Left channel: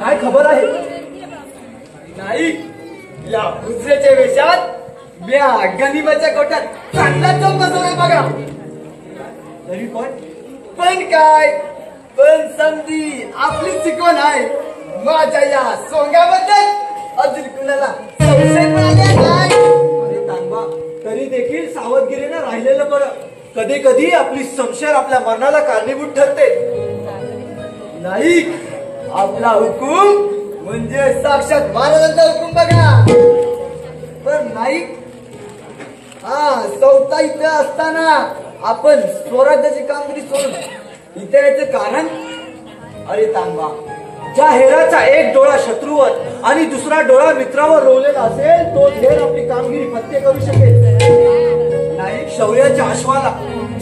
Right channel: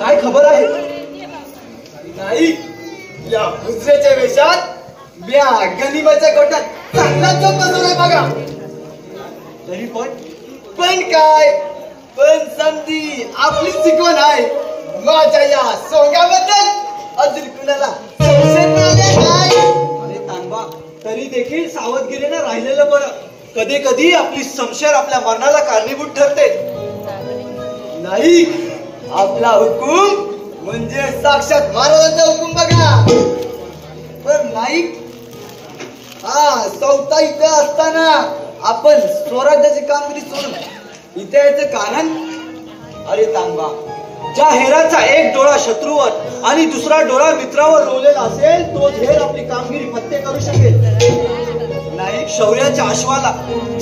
काय खबर आहे? नाही, या दुसऱ्याच्या वेशात म्या गनिमाच्या गोट्यात चांगला तो बसवला बघा. तरी पण काय, पण समजी आपली शिकवण आहे. माझ्या या सोंग्याबद्दल अजून कुणाला संशय नाही. अरे तानबा, तरी देखील सावधगिरीने राहिलेलं बरं. कधी कधी आपली संशय आपल्या मरणाला कारणीभूत ठरते. नाही, आपला हुकूम म्हणजे साक्षात महाराजांचा हुकूम बघा. तर नाही, हा चौथा इथे असताना आपण स्वराज्याची कामगिरी सोडून इथे यायचं कारण? अरे तानबा, ज्या हेराचा एक डोळा शत्रूवर आणि दुसरा डोळा मित्रावर रोवलेला असेल तोच हेर आपली कामगिरी फत्ते करू शकेल. नाही, शौर्याच्या अश्वाला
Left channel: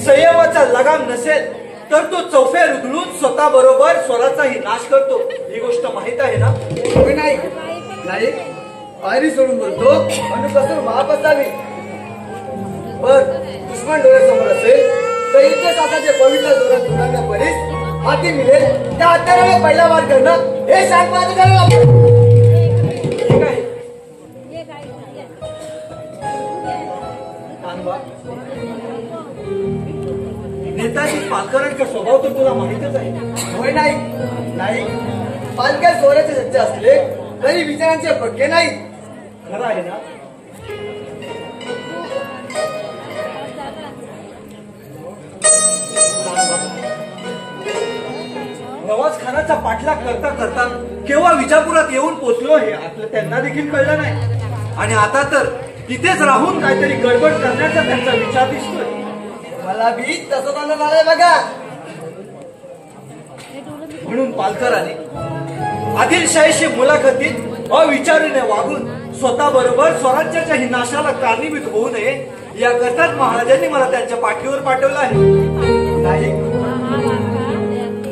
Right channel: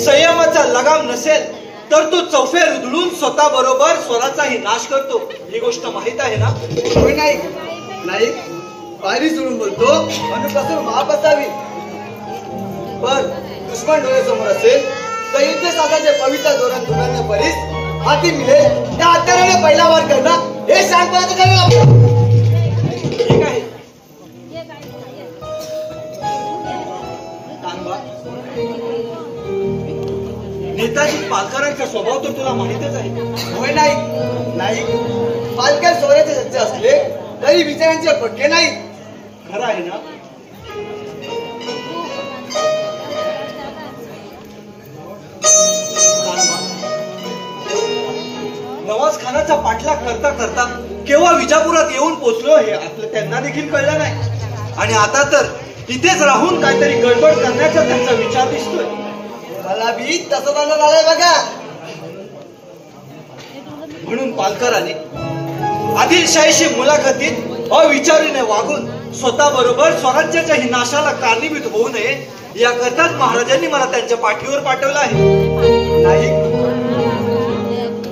संयमाचा लगाम नसेल तर तो चौफेर उधळून स्वतः बरोबर स्वराचाही नाश करतो. ही गोष्ट माहित आहे ना? नाही, पायरी सोडून बोलतो म्हणून कसं माप असावी. बर दुश्मन डोळ्यासमोर असेल तर युद्ध साधाचे पवित्र जोरात गुणांना परीस हाती मिळेल त्या हत्याराने पहिला वार करणं हे सांगण्याचं ठरवलं. ठीक आहे. नेताजी पालकरांचा स्वभाव तर तुला माहितच आहे. होय नाही, पालकर स्वराचे सज्ज असले तरी विचारांचे पक्के नाही. खरं आहे ना? नवाज खानाचा पाठलाग करता करता केव्हा विजापुरात येऊन पोचलो हे आपलं त्यांना देखील कळलं नाही. आणि आता तर तिथेच राहून काहीतरी गडबड करण्याचा त्यांचा विचार दिसतोय. मला बी तसं झालंय बघा. म्हणून पालकराने आदिलशाहीशी मुलाखतीत अविचारीने वागून स्वतः बरोबर स्वराज्याच्या ही नाशाला कारणीभूत होऊ नये याकरताच महाराजांनी मला त्यांच्या पाठीवर पाठवलं आहे. नाही,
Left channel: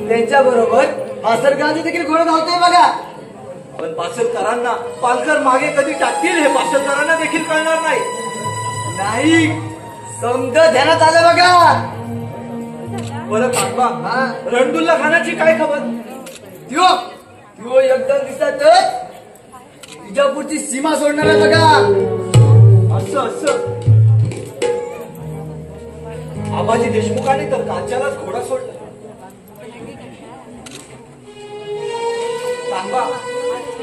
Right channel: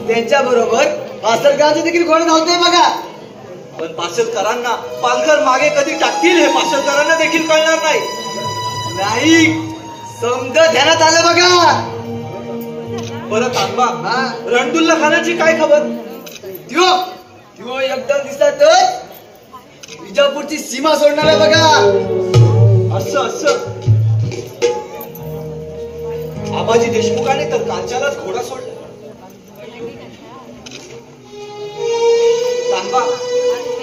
त्यांच्या बरोबर पासलकरांचे देखील गोळ धावतोय बघा. पण पासलकरांना पालकर मागे कधी टाकतील हे पासलकरांना देखील कळणार नाही. नाही, समजा ध्यानात आलं बघा. बरं आत्मा, रणदुल्ला खानाची काय खबर? त्यो एकदा दिसत विजापूरची सीमा सोडणार आहे बघा. असं आबाजी देशमुखाने तर कांच्यालाच घोडा सोडला. तांबा,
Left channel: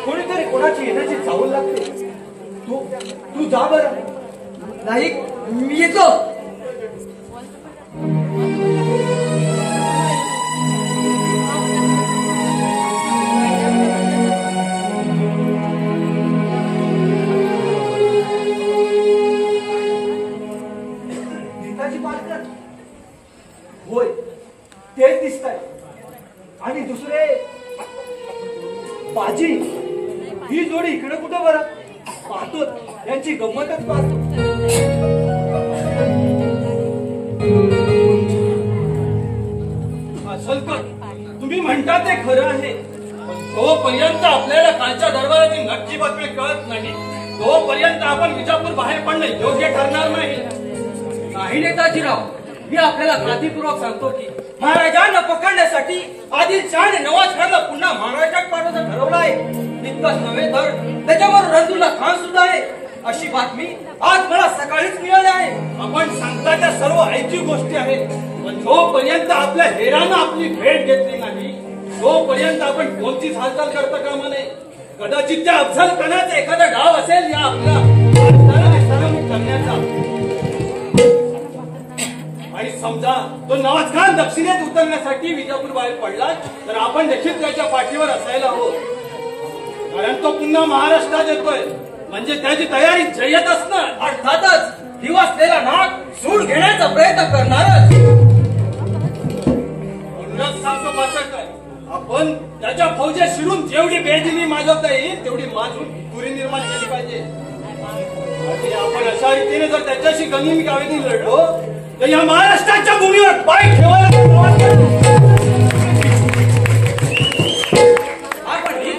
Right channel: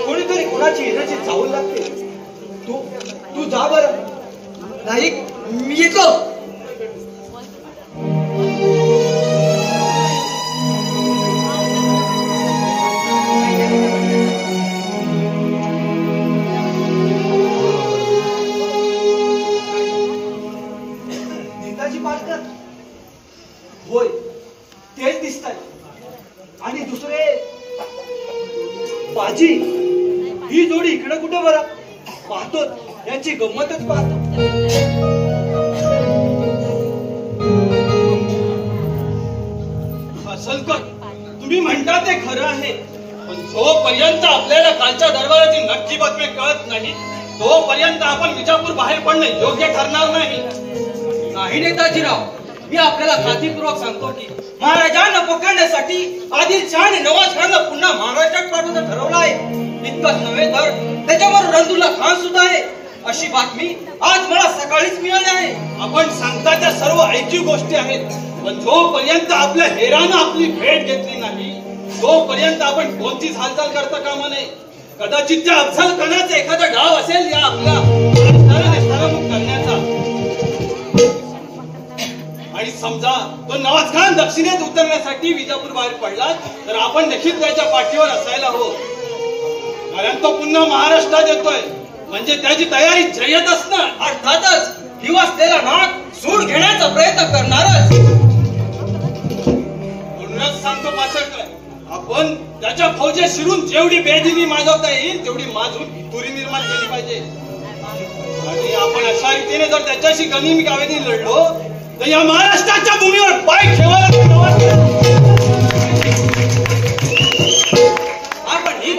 कोणीतरी कोणाची येण्याची चावल लागते. तू जा बरं. नाही, मी येतो. नेताजी पालकर? होय, तेच दिसत आहे. आणि दुसरे बाजी, ही जोडी इकडे कुठे बरं? पाहतो यांची गंमतच पाहतो. तुम्ही म्हणता ते खरं आहे, पण जोपर्यंत आपल्याला कालच्या दरबाराची नक्की बातमी कळत नाही तोपर्यंत आपण विजापूर बाहेर पडणे योग्य ठरणार नाही. नेताजीराव, मी आपल्याला खात्रीपूर्वक सांगतो की महाराजांना पकडण्यासाठी आदिलशहाने नवाज खानला पुन्हा महाराष्ट्रात पाठवण्याचं ठरवलं आहे. इतकंच नव्हे तर त्याच्यावर रणदुल्ला खान सुद्धा आहे अशी बातमी आज मला सकाळीच मिळाली आहे. आपण सांगता त्या सर्व ऐकीव गोष्टी आहेत, पण जोपर्यंत आपल्या हेरानं आपली भेट घेतली नाही तोपर्यंत आपण कोणतीच हालचाल करता कामा नये. कदाचित त्या अफजल खानाचा एखादा डाव असेल या आपल्या सलामत करण्याचा. आणि समजा तो नवाज खान दक्षिणेत उतरण्यासाठी विजापूर बाहेर पडला तर आपण देखील त्याच्या पाठीवर असायला हवं. कारण तो पुन्हा महाराष्ट्रात येतोय म्हणजे त्याची तयारी जय्यत असणार. अर्थातच दिवसलेला नाग सूड घेण्याचा प्रयत्न करणारच. पुन्हाच सांगतो पासरकर, आपण त्याच्या फौजेत शिरून जेवढी बेदिनी माजवता येईल तेवढी माजून दुरी निर्माण केली पाहिजे. आणि आपण अशा रीतीने जर त्याच्याशी गनिमी कावेनी लढलो तर या महाराष्ट्राच्या भूमीवर पाय ठेवायला आपण ही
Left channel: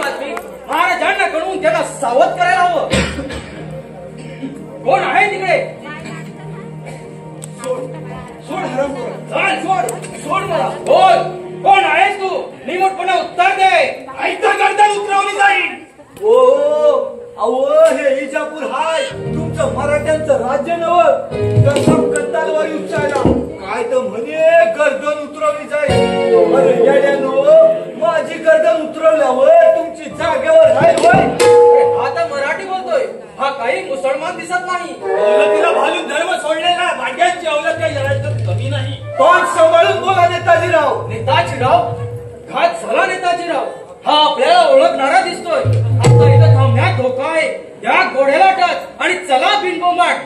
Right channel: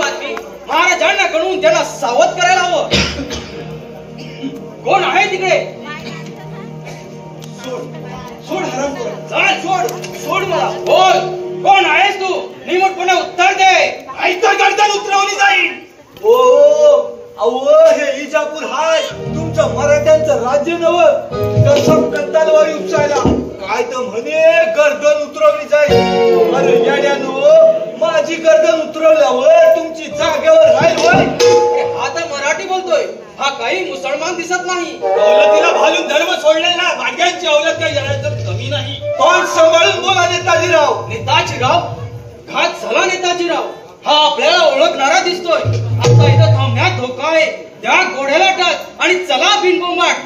बोल, कोण आहेस तू? निमूटपणे उत्तर दे. ऐकतर गर्दन उतरवली जाईल. अहो हे इजापूर हाय तुमचं मराठ्यांचं राज्य नव कसम कंदालवारी उपसायला काय तर म्हणे गर्दन उतरवली जाईल. अरे येड्यानो माझी गर्दन उतरवल्यावर तुमची जागेवर राहील वय. हा तर मराठी बोलतोय, हा काही मुसलमान दिसत नाही. अवलतीला भालून धर्म सोडलेला भाग्यांची अवलत काही जणांचं कमी नाही. तोंड सांभाळून बोला नेताजीराव. नेताजीराव, घात झाला नेताजीराव. हा आपल्याला ओळखणारा दिसतोय. आता इथं थांबण्यात धोका आहे. त्या घोड्याला टाच आणि चला बिनबोंबाट.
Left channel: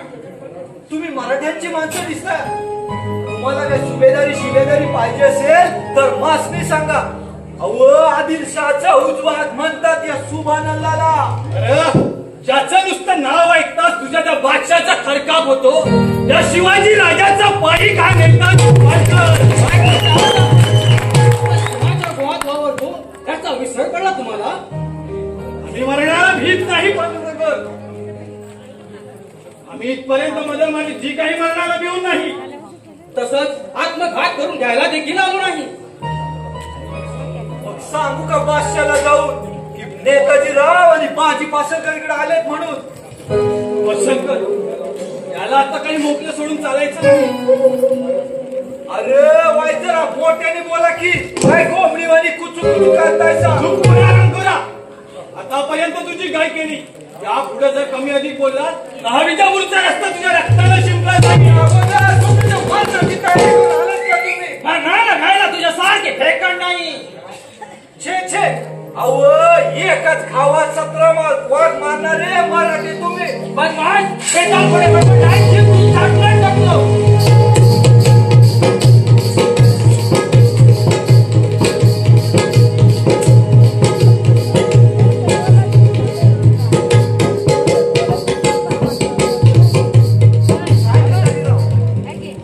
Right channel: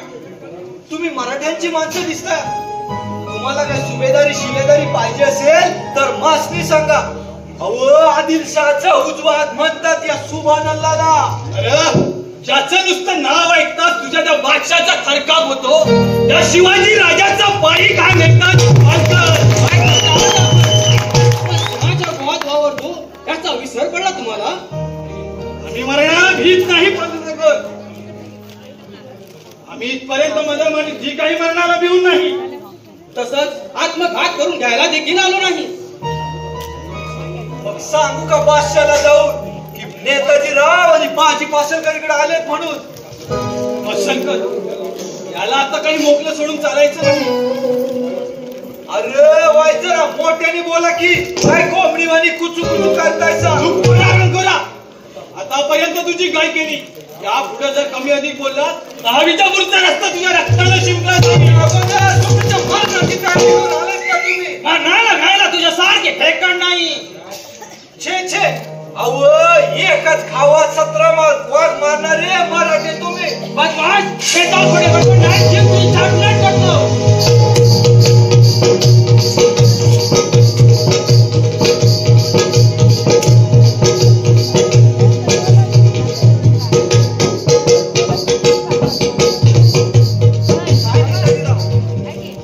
तुम्ही मराठ्यांची माणसं दिसता. तुम्हाला काय सुभेदारी शिलेदारी पाहिजे असेल तर मासनी सांगा. अहो आदिलशाहचा उजवा हात म्हणतात या सुभानअल्लाहला. अरे ज्याचं नुसतं नाव ऐकताच तुझ्या त्या बादशाचा थरकाप होतो त्या शिवाजी राजाचा पायी काय नेतात. समाच्या गोवात वावरतो त्याचा विसर पडला तुम्हाला. आम्ही मरणाला भीत नाही पांडुरंग. आम्ही इथपर्यंत मदत म्हणजे जी काही मरणाला भिवून नाही. तसंच आत्मघात करून घ्यायला देखील आलो नाही. मग सांगू का बादशाला जाऊन की नेताजी राव आणि बाजी पासलकर इकडे आलेत म्हणून. शंकर याला आता काही मोकळं सोडून चालायचं नाही. अरे वाय जरा मोठ्याने बोला की काय कोंबडीवाणी कुचू कुचू करतायचा. चूक करा करा. आतापर्यंत तुझी गाय केली. या पुढे जर कमी अधिक बोलला दहावीच्या पुढचा रस्ता तुझ्या रक्ताला शिंपला जाईल. घायला तुझ्या सारखे फेकण नाही. छे छे अव एकच खावा 17 वाघ मारणारे मराठी तुम्ही. बदमाश शेताकडे बघून नाही जीव तू छाटणार करतो.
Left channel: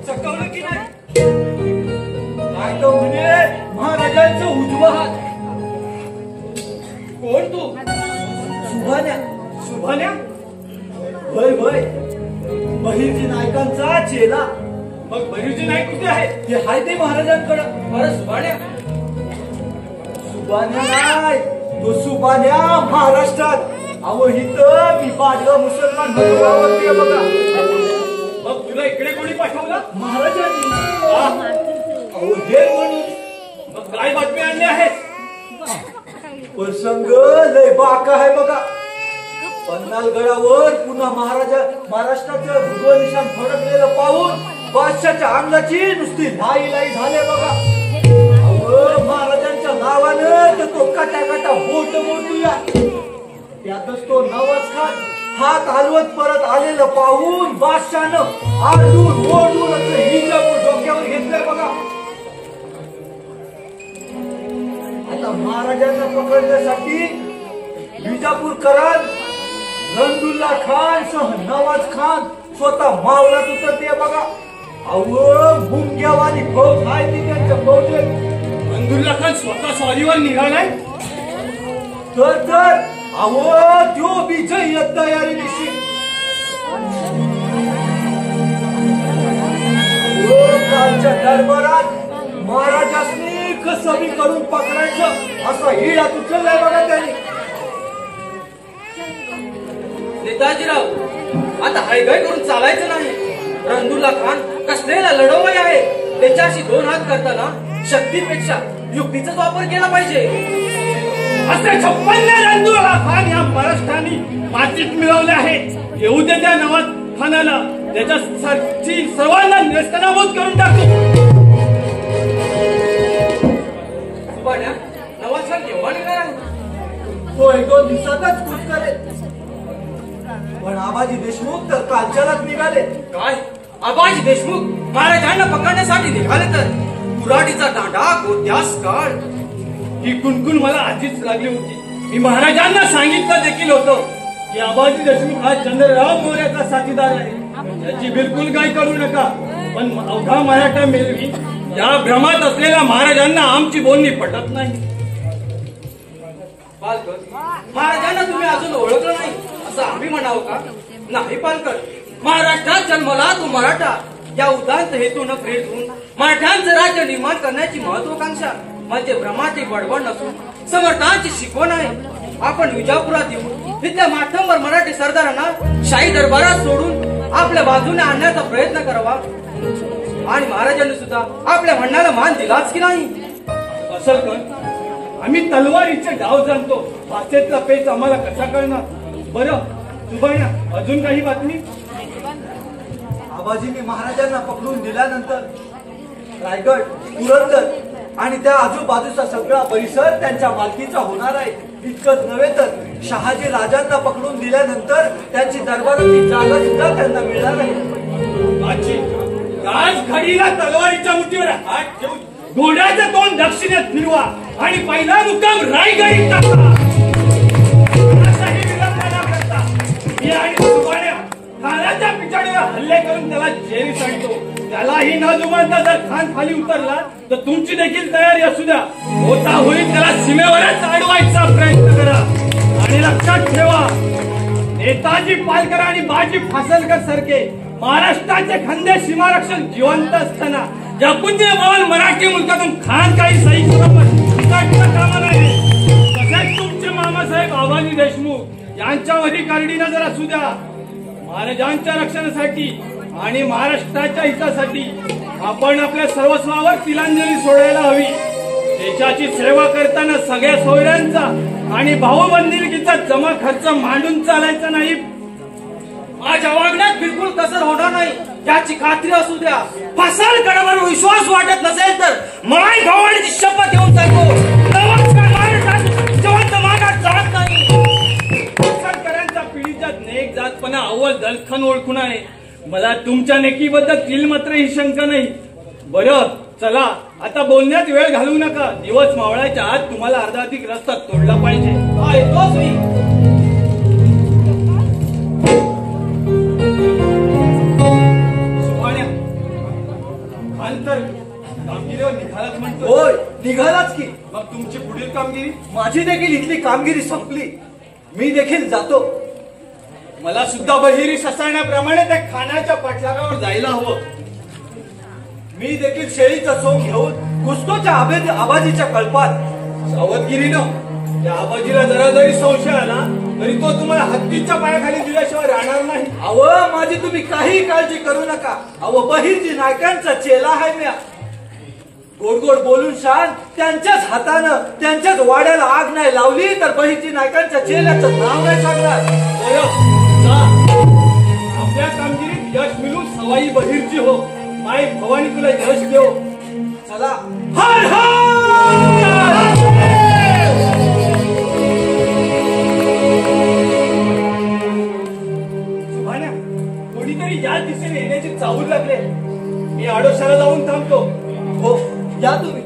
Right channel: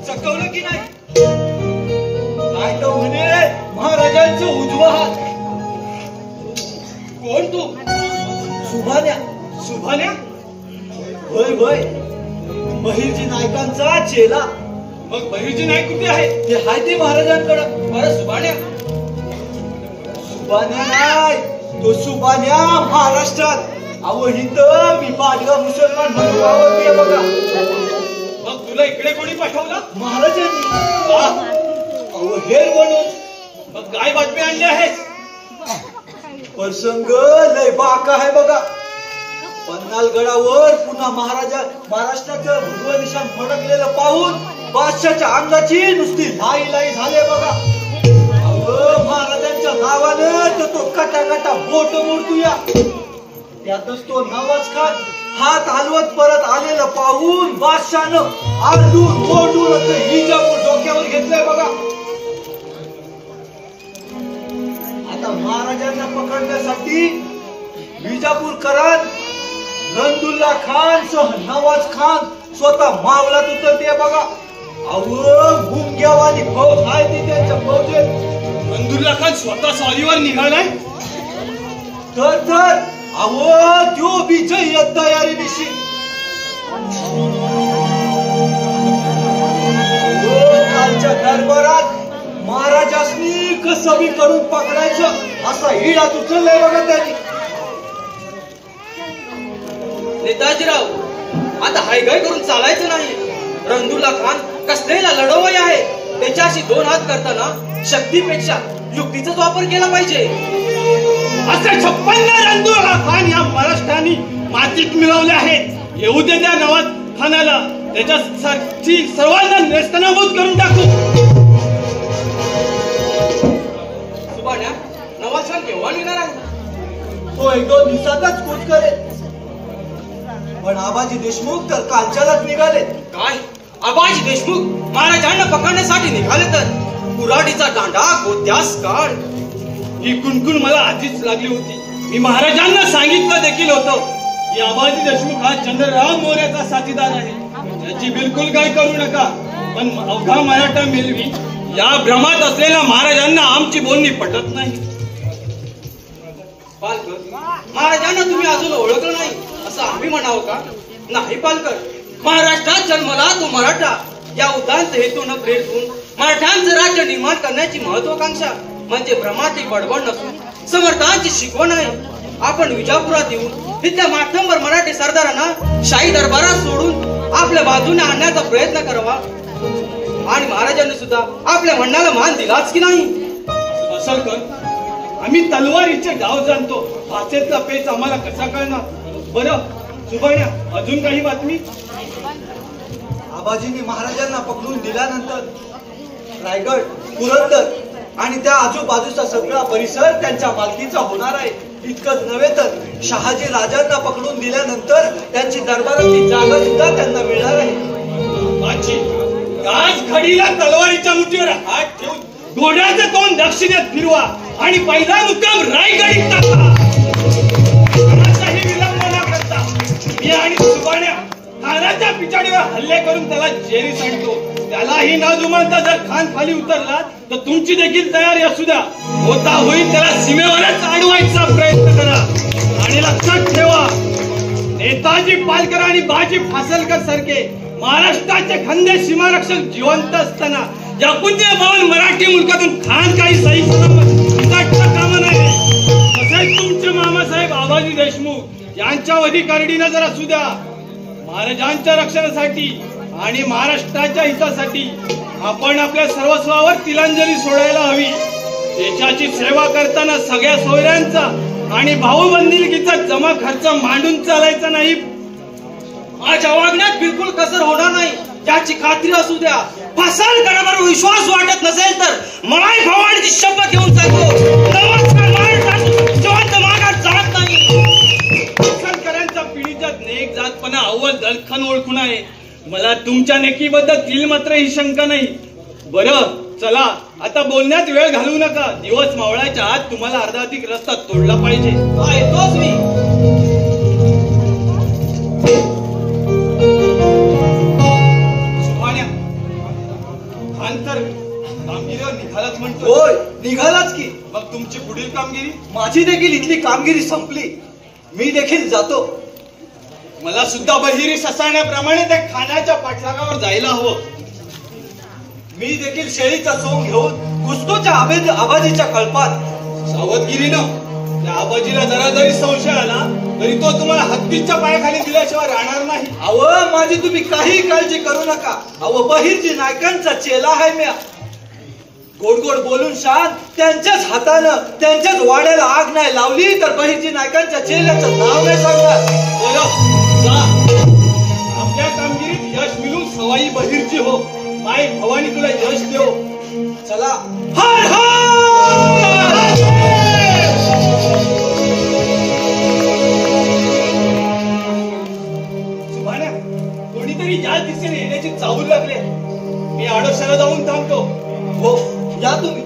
चकवलं की नाही. काय तो म्हणे महाराजांचा उजवा हात. कोण तू? सुभान्या. सुभान्या होय होय बहिर्जी नायकांचा चेला. मग बहिर्जी नाईक कुठे आहे? ते हाय ते महाराजांकडं. बरं सुभाण्या. सुभान्या नाही तो सुभान्या महाराष्ट्रात. अहो इथं मी पाडगा मुसलमान म्हणून वावरते बघा. मग तुला इकडे कोणी पाठवलं? महाराजांनी. अहो हे म्हणून. मग काय बातमी आणली आहेस? प्रसंग लय बाका आहे बघा. पन्हाळगडावर पुन्हा महाराष्ट्राचं भगवं निशाण फडकलेलं पाहून बादशाच्या अंगाची नुसती लाई लाई झाले बघा. अहो महाराजांच्या नावानं तर तो कटाकटा बोट मोडतोया. त्यातच तो नवाज खान हात हलवत परत आलेलं पाहून बादशानं आरडून ओरडून इजापूर डोक्यावर घेतलंय बघा. आता महाराजांना पकडण्यासाठी विजापूरकरांत रंदुल्ला खान सह नवाज खान स्वतः मावळात उतरते बघा. अहो मुंग्यावानी फौज आहे ती त्यांच्या फौजेत. रंदुल्ला खान स्वतः स्वारीवर निघालाय. तर अहो त्यो विजय तयारी दिशी. कालच्या दरबारात महाराजांनी कसं बी करून पकडायचं असा हिडात उचललाय बघा त्यांनी. नेताजीराव आता हायगाय करून चालायचं नाही. रंदुल्ला खान कसलेला लढवय आहे. त्याच्याशी 2 हात करताना शक्तीपेक्षा युक्तीचाच वापर केला पाहिजे. असे 56 रंदुल्ला खान या महाराष्ट्राने मातीत मिळवले आहेत. येऊ दे त्या नवाज खानाला. त्याच्यासाठी सर्वांना नेस्तनाबूत करून टाकू. सुभाण्या, नवाज खान केव्हा निघणार आहे? तो 1-2 दिवसातच कूच करेल. पण आबाजी देशमुख तर कालच्यालाच निघाले. काय आबाजी देशमुख महाराजांना पकडण्यासाठी निघाले तर कुऱ्हाडीचा दांडा गोत्यास काढ. ही कुणकुण मला आधीच लागली होती. मी महाराजांना सांगितलं देखील होतं की आबाजी देशमुख हा चंद्रराव मोर्याचा साथीदार आहे. याची बिलकुल काय करू नका. पण अवघा मराठा मेलवी या भ्रमात असलेल्या महाराजांना आमची बोलणी पटत नाही. पालकर, महाराजांना तुम्ही अजून ओळखलं नाही असं आम्ही म्हणावं का? नाही पालकर, महाराष्ट्रात जन्मला तो मराठा या उदांत हेतून प्रेरित होऊन मराठ्यांचं राज्य निर्माण करण्याची महत्वाकांक्षा म्हणजे भ्रमाची बडबड नसून समर्थांची शिकवण आहे. आपण विजापुरात येऊन इथल्या माठंबर मराठी सरदारांना शाही दरबारात सोडून आपल्या बाजूने आणण्याचा प्रयत्न करावा आणि महाराजांनी सुद्धा आपल्या म्हणण्याला मान दिलाच की नाही. असं कर, आम्ही तलवारीचे डाव जाणतो, भाषेतला पेच आम्हाला कसा कळणार. बरं सुभाण्या, अजून काही बातमी? आबाजींनी महाराजांना पकडून दिल्यानंतर रायगड, पुरंदर आणि त्या आजूबाजूचा सगळा परिसर त्यांच्या मालकीचा होणार आहे. इतकंच नव्हे तर शहाजी राजांना पकडून दिल्यानंतर त्यांची दरबाराची जागा सुद्धा त्यांना मिळणार आहे. आजी, याच घडीला तलवारीच्या मुठीवर हात ठेवून घोड्याचं तोंड दक्षिणेत फिरवा आणि पहिला मुक्काम रायगडीत टाका. मी आणि सुभाण्या खानाच्या पिछाडीवर हल्ले करून त्याला जेरीस आणतो. त्यालाही न जुमानता जर खान खाली उतरला तर तुमची देखील तयारी असू द्या. होता होईल त्याला सीमेवरच अडवायचा प्रयत्न करा. आणि लक्षात ठेवा, नेताजी पालकर आणि बाजी फासलकर सारखे महाराष्ट्राचे खंदे सीमारक्षक जिवंत असताना या पुण्यभवन मराठी मुलकातून खान काही सही कामा नये. तसेच तुमचे मामासाहेब आबाजी देशमुख यांच्यावरही करडी नजर असू द्या. महाराजांच्या रक्षणासाठी आणि महाराष्ट्राच्या हितासाठी आपण आपल्या सर्वस्वावर तिलांजली सोडायला हवी. देशाची सेवा करताना सगळ्या सोयऱ्यांचा आणि भाऊबंदिलकीचा जमा खर्च मांडून चालायचा नाही. माझ्या वागण्यात बिलकुल कसर होणार नाही याची खात्री असू द्या. फासलकरांवर विश्वास वाटत नसेल तर माय भवानीची शपथ घेऊन सांगतो, नमस्कार महाराष्ट्रात जिवंत माघार जात नाही. फासलकरांचा पिढीच्या नेक जातपणा अव्वल दलखन ओळखून आहे. मला तुमच्या नेकीबद्दल तिल मात्र ही शंका नाही. बरं चला, आता बोलण्यात वेळ घालवू नका. दिवस मावळाच्या आत तुम्हाला अर्धाधिक रस्ता तोडला पाहिजे. हा येतोच मी. सुभाण्या, खान तर कामगिरीवर निघालाच म्हणतो. होय, निघालाच की. मग तुमची पुढील कामगिरी? माझी देखील इथली कामगिरी संपली. मी देखील जातो. मला सुद्धा बहिरी ससाण्याप्रमाणे त्या खानाच्या पाठलागावर जायला हवं. मी देखील शेळीचा सोंग घेऊन घुसतोच्या आबाजीच्या कळपात. सावधगिरीनं त्या आबाजीला जरा जरी संशय आला तरी तो तुम्हाला हत्तीच्या पायाखाली दिल्याशिवाय राहणार नाही. अव माझी तुम्ही काही काळजी करू नका. अव बहिरजी नायकांचा चेला आहे म्या. गोड गोड बोलून शान त्यांच्याच हातानं त्यांच्याच वाड्याला आग नाही लावली तर बहिरजी नायकांच्या चेल्याचं नाव नाही सांगणार. आपल्या कामगिरीत यश मिळून सवाई बहिरची हो. माय भवानी तुला यश देव. चला. हर हर. सुभाण्या, कोणीतरी या दिशेने येण्याची चाहूल लागले. मी आडोशाला जाऊन थांबतो. हो, या तुम्ही.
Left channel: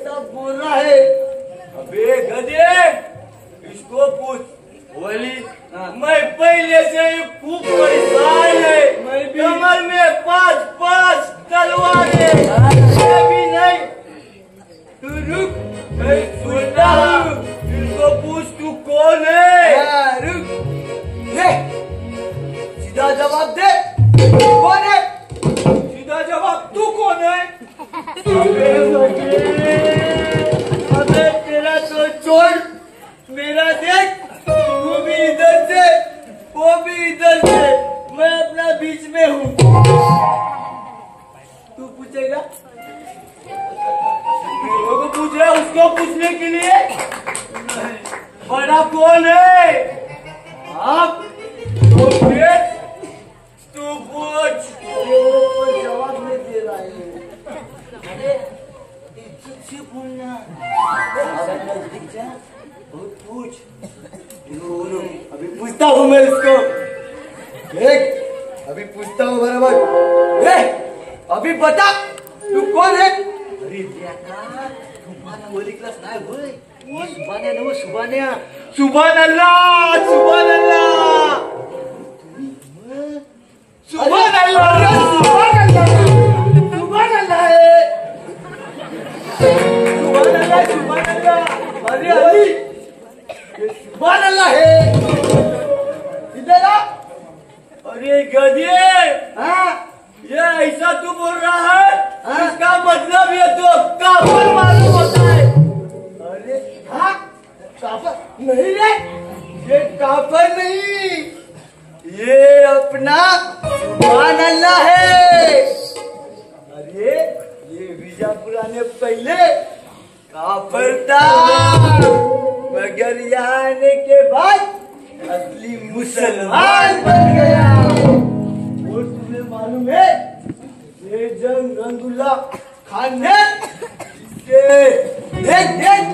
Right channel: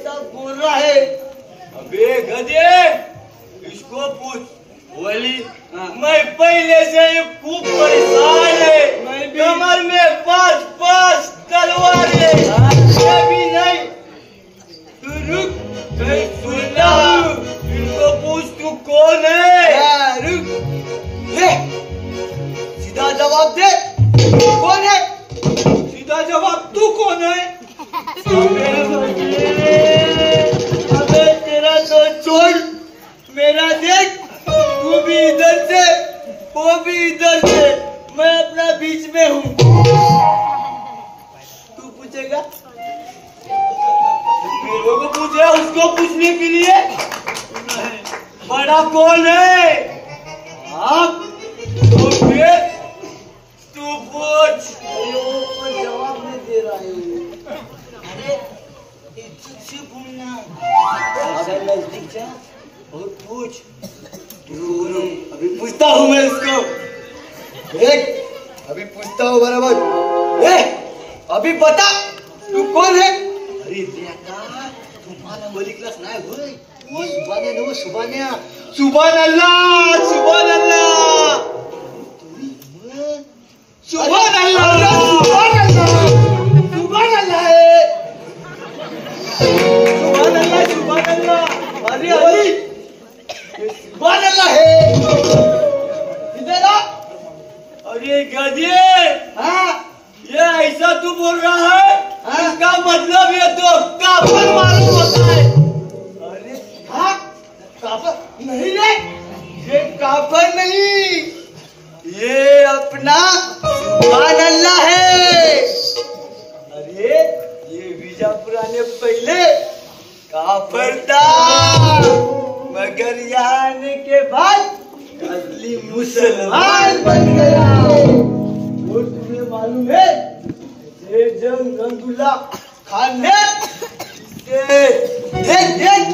ऐसा बोल रहा है। अबे गधे, इसको पूछ। बोली मैं पहले से ही खूब परेशान है। मैं भी। कमर में 5-5 तलवारें। मैं भी नहीं। तू रुक, मैं सुनता हूँ। इनको पूछ तू कौन है? रुक, ले, सीधा जवाब दे, कौन है? सीधा जवाब तू कौन है? अबे तेरा तो छोड़, मेरा देख, तू भी इधर से, वो भी इधर से, मैं अपना बीच में हूँ। तू पूछेगा? मेरे को पूछे, उसको पूछने के लिए बड़ा कौन है? आप तो फिर तू पूछ। अरे वो पर जवाब नहीं दे रहा है वो। अरे इज्जत से बोलना। ज़्यादा नजदीक जा और पूछ। अभी पूछता हूँ मैं इसको। देख, अभी पूछता हूँ बराबर। अभी बता, तू कौन है? अरे बेटा, तुम्हारा वली क्लास नाही होय। वो सुभान्या नो सुभान्या। सुभान अल्लाह, सुभान अल्लाह, सुभान अल्लाह, सुभान अल्लाह, सुभान अल्लाह है। सुभान अल्लाह, सुभान अल्लाह। अरे अली, सुभान अल्लाह है। इधर आ। अरे गधे, हाँ, ये ऐसा तू बोल रहा है? हाँ? इसका मतलब ये तो काफिर मालूम होता है। अरे हाँ, काफर नहीं रे, ये काफर नहीं, ये अपना सुभान अल्लाह है। अरे ये बीजापुर आने पहले काफर था, मगर यहाँ आने के बाद असली मुसलमान बन गया। वो तुम्हें मालूम है, ये जंग रंगुल्ला खान ने देख देख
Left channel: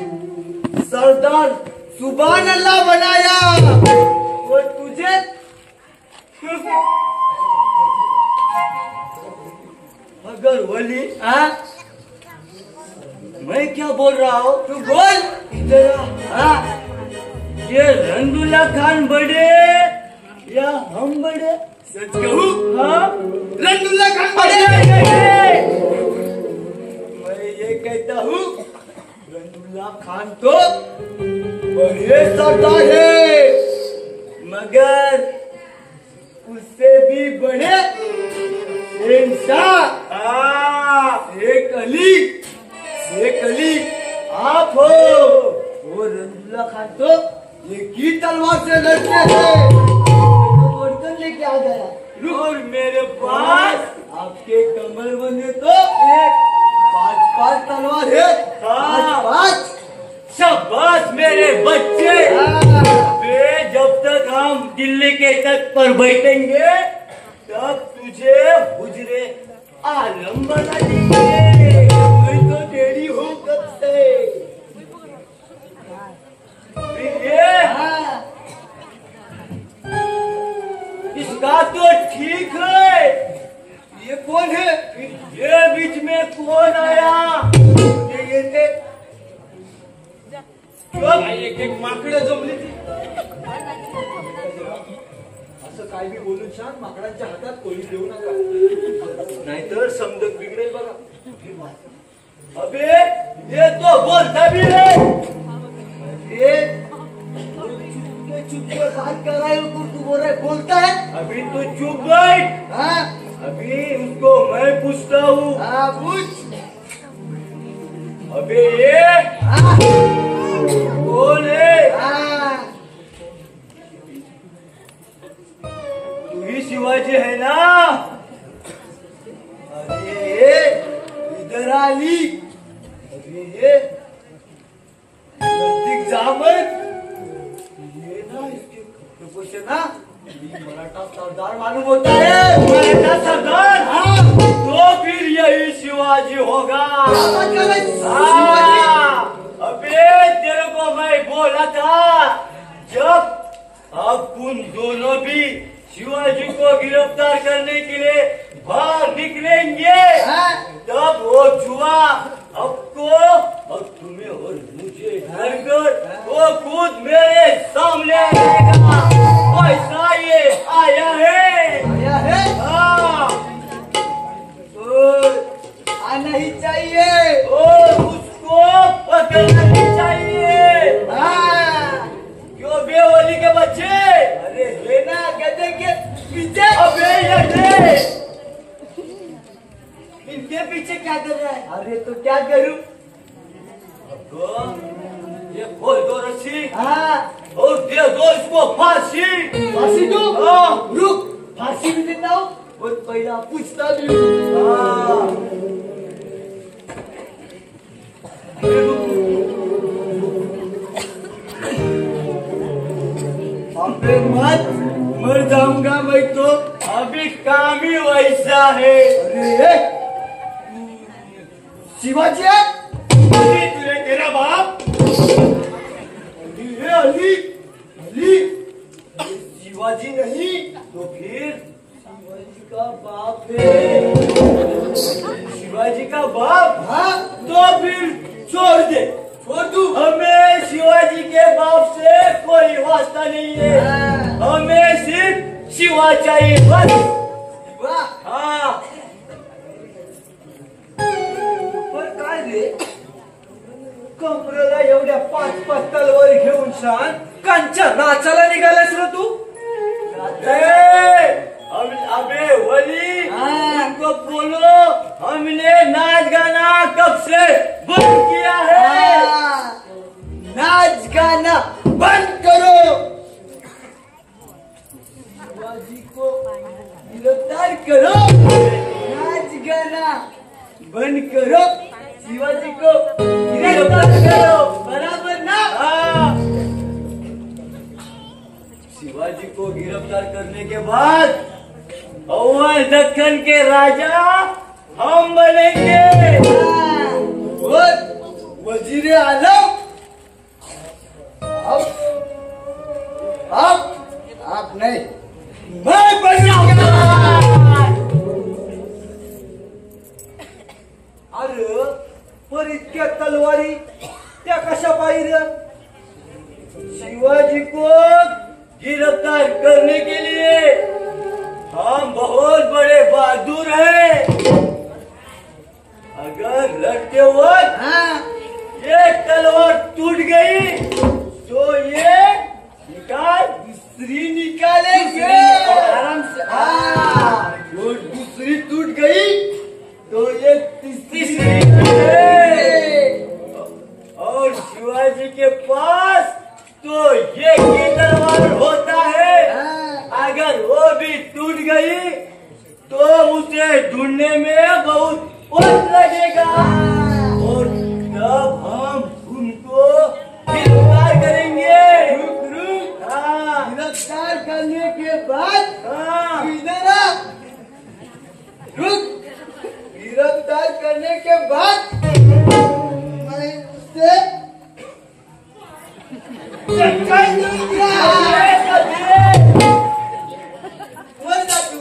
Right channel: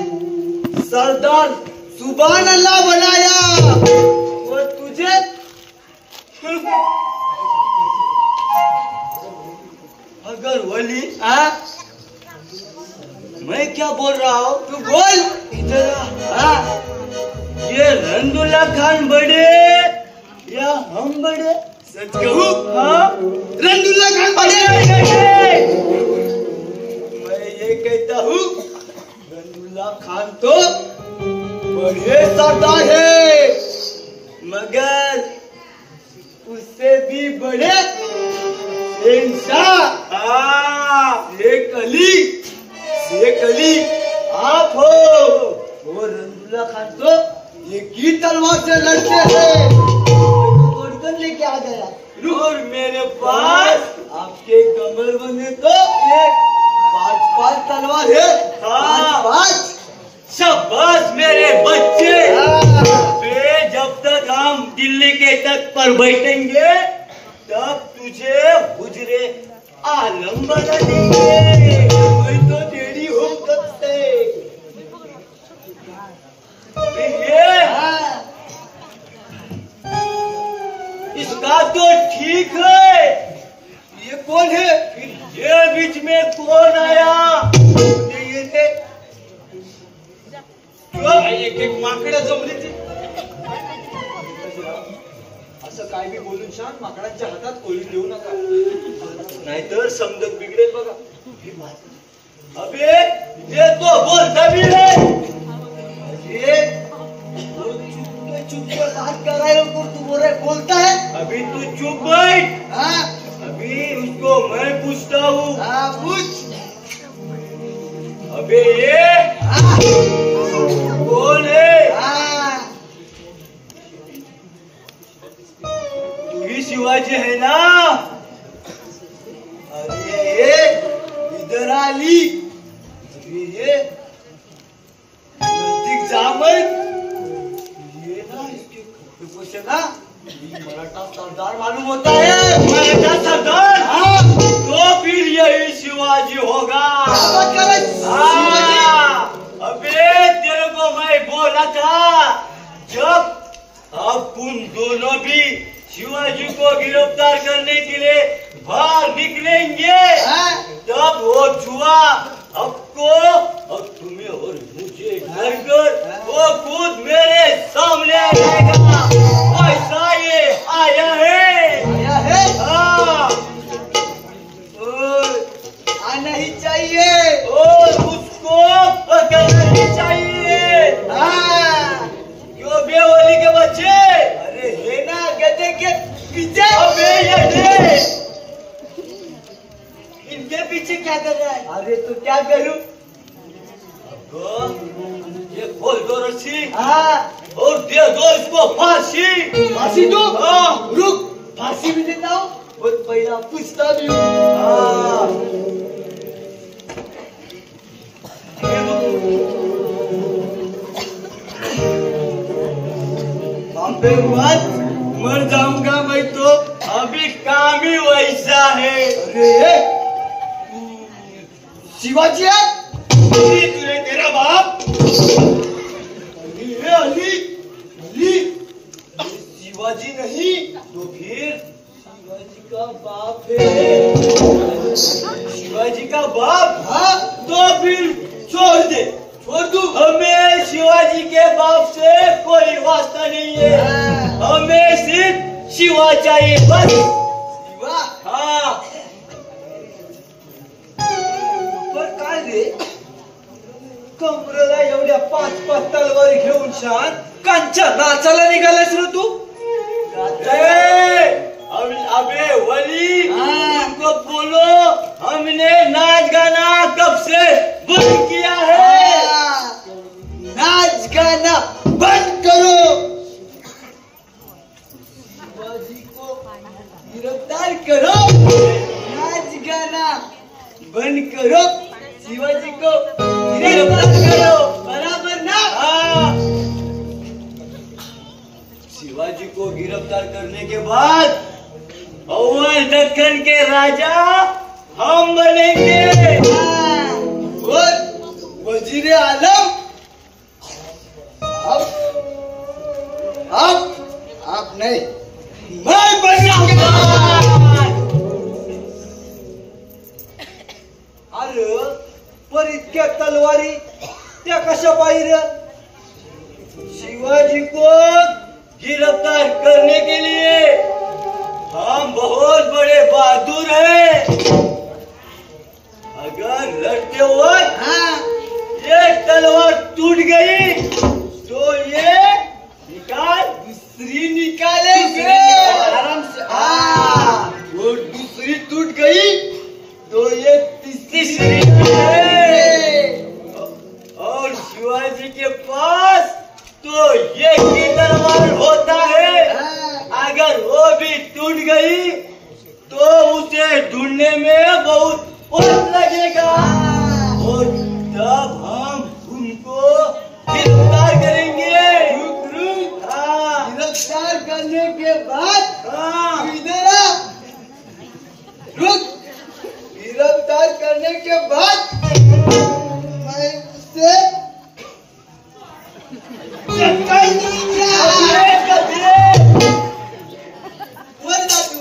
सरदार सुभान अल्लाह बनाया। और तुझे अगर वली, हाँ, मैं क्या बोल रहा हूँ, तू बोल इधर आ। हाँ, ये रंगुल्ला खान बड़े या हम बड़े? सच कहूँ, हाँ, रंगुल्ला खान बड़े। मैं ये कहता हूँ, रंगुल्ला खान तो बड़े सरदार है, मगर उससे भी बड़े शहंशाह, शेख अली आप हो। वो रंगुल्ला खान तो एक ही तलवार से लड़ते हैं, तो गर्दन लेके आ गया। और मेरे पास आपके कमर बने तो एक 5-5 तलवार है। हाँ। 5-5। शाबाश मेरे बच्चे। वे जब तक हम दिल्ली के तख्त पर बैठेंगे तब तुझे हुजरे आलम बना देंगे। मैं तो टेढ़ी हूँ कब से। ये हाँ, इसका तो ठीक है। ये कौन है? ये बीच में कौन आया? ये देख, एक एक माकडं जमली ती. असं काय बी बोलून शान माकडांच्या हातात कोळी देऊ नका, नाहीतर समजत बिघडेल बघा. अबे ये तो बोलता भी है. ये चुप के बात कर रहे हो, तू बोलता है। अभी तू चुप बैठ. हाँ अभी उसको मैं पूछता हूँ. हाँ पूछ। अबे ये हाँ कौन है? हाँ, तू ही शिवाजी है ना? अरे ये इधर आली। अरे ये नजदीक जा मत। ये ना इसके खप्पे से ना ये मराठा सरदार मालूम होता है। मराठा सरदार? हाँ तो फिर यही शिवाजी होगा. क्या बात कर रहे शिवाजी? अबे तेरे को मैं बोला था, जब आप उन दोनों भी शिवाजी को गिरफ्तार करने के लिए बाहर निकलेंगे हाँ? तब वो जुआ आपको और ये खोल दो रस्सी हाँ और दे दो इसको फांसी। फांसी दो? हाँ। रुक, फांसी भी देता हूँ और पहला पूछता भी हूँ। हाँ। अबे मत, मर जाऊंगा मैं तो, अभी काम ही वैसा है। अरे शिवाजी है? तुझे तेरा बाप अरे अली, अली शिवाजी नहीं तो फिर शिवाजी का बाप है। शिवाजी का बाप? हाँ तो फिर छोड़ दे, छोड़ दूँ? हमें शिवाजी के बाप से कोई वास्ता नहीं है, हमें सिर्फ शिवा चाहिए बस। शिवा? हाँ। पण काय रे, कमरेला एवढ्या 5-5 तलवार घेऊन शान कांच्या नाचाला निघालास रे तू? अबे वली, हाँ। तुमको बोलो, हमने नाच गाना कब से बंद किया है। नाच गाना बंद करो। शिवाजी को गिरफ्तार करो, नाच गाना बंद करो, शिवाजी को गिरफ्तार करो, बराबर ना? हाँ। शिवाजी को गिरफ्तार करने के बाद अव्वल दक्कन के राजा हम बनेंगे। और वजीर आलम आप नहीं, मैं बनेगा। अरे पर इतक्या तलवारी त्या कशा पाहिजे? शिवाजी को गिरफ्तार करने के लिए हम बहुत बड़े बहादुर हैं। अगर लड़ते वक्त ये तलवार टूट गई तो ये निकाल, दूसरी निकालेंगे आराम से। वो दूसरी टूट गई तो ये तीसरी है। और शिवाजी के पास तो ये की तलवार होता है, अगर वो भी टूट गई तो उसे ढूंढने में बहुत वक्त लगेगा और तब हम उनको गिरफ्तार करेंगे। हाँ। गिरफ्तार करने के बाद हाँ। इधर आ, रुक। गिरफ्तार करने के बाद मैं उससे चक्कर दूंगा। वर ना तू।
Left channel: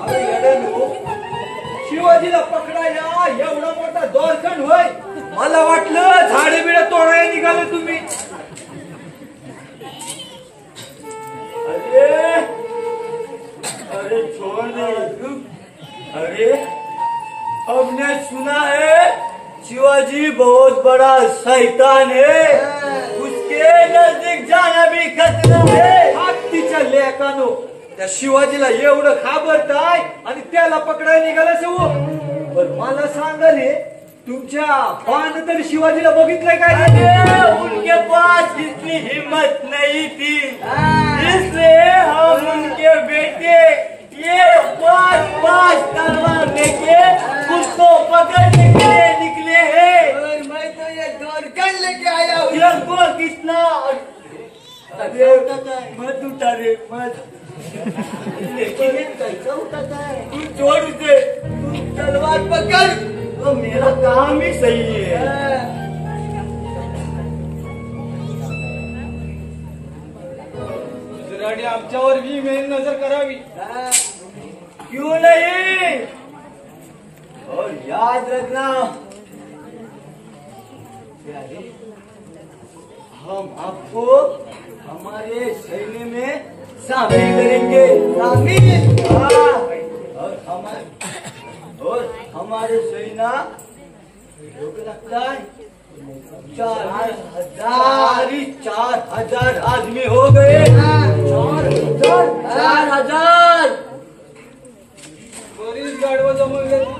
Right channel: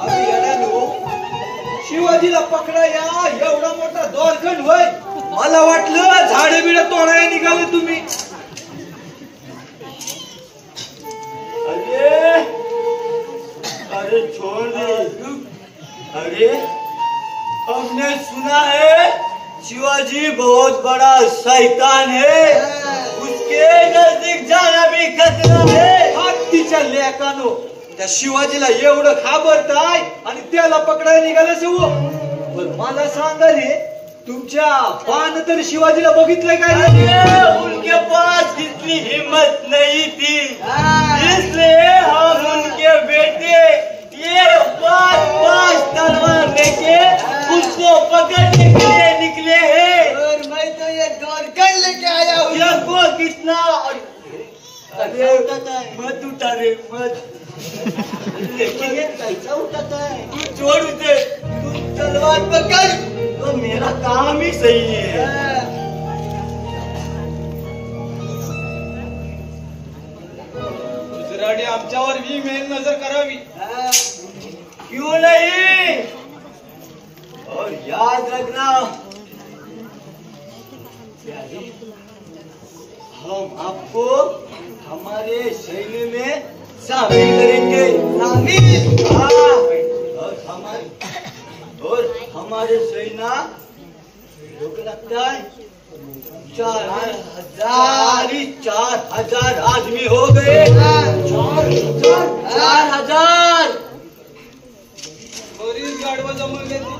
अरे येड्यानो, शिवाजीला पकडाया एवढा मोठा दोरखंड होय, मला वाटलं झाडे बिड तोडायला निघाले तुम्ही. अरे अरे छोड़ दे, रुक। अरे हमने सुना है शिवाजी बहुत बड़ा शैतान है, उसके नजदीक जाना भी खतरा है। हत्तीच्या लेकानो, त्या शिवाजीला एवढं घाबरताय आणि त्याला पकडायला निघाला सव. पण मला सांगा रे, तुमच्या बाण तर शिवाजीला बघितलंय काय रे? अरे उनके पास इतनी हिम्मत नहीं थी, इसलिए हम उनके बेटे ये 5-5 तलवार लेके उसको पकड़ने के लिए निकले हैं। और मैं तो ये दोरखंड लेके आया हूँ. देखो कितना। अरे मत उठा रे, मत। लेकिन ये कैसा उठाता है? तू छोड़ दे, तू तलवार पकड़ तो मेरा काम ही सही है। गुजराडी आमच्यावर भी मेन नजर करावी. क्यों नहीं? और याद रखना, हम आपको हमारे सैन्य में शामिल करेंगे। शामिल? हाँ। और हमारे सेना लगता है 4,000 आदमी हो गए। 4,000। बरीच गाडवा जमून घेतली.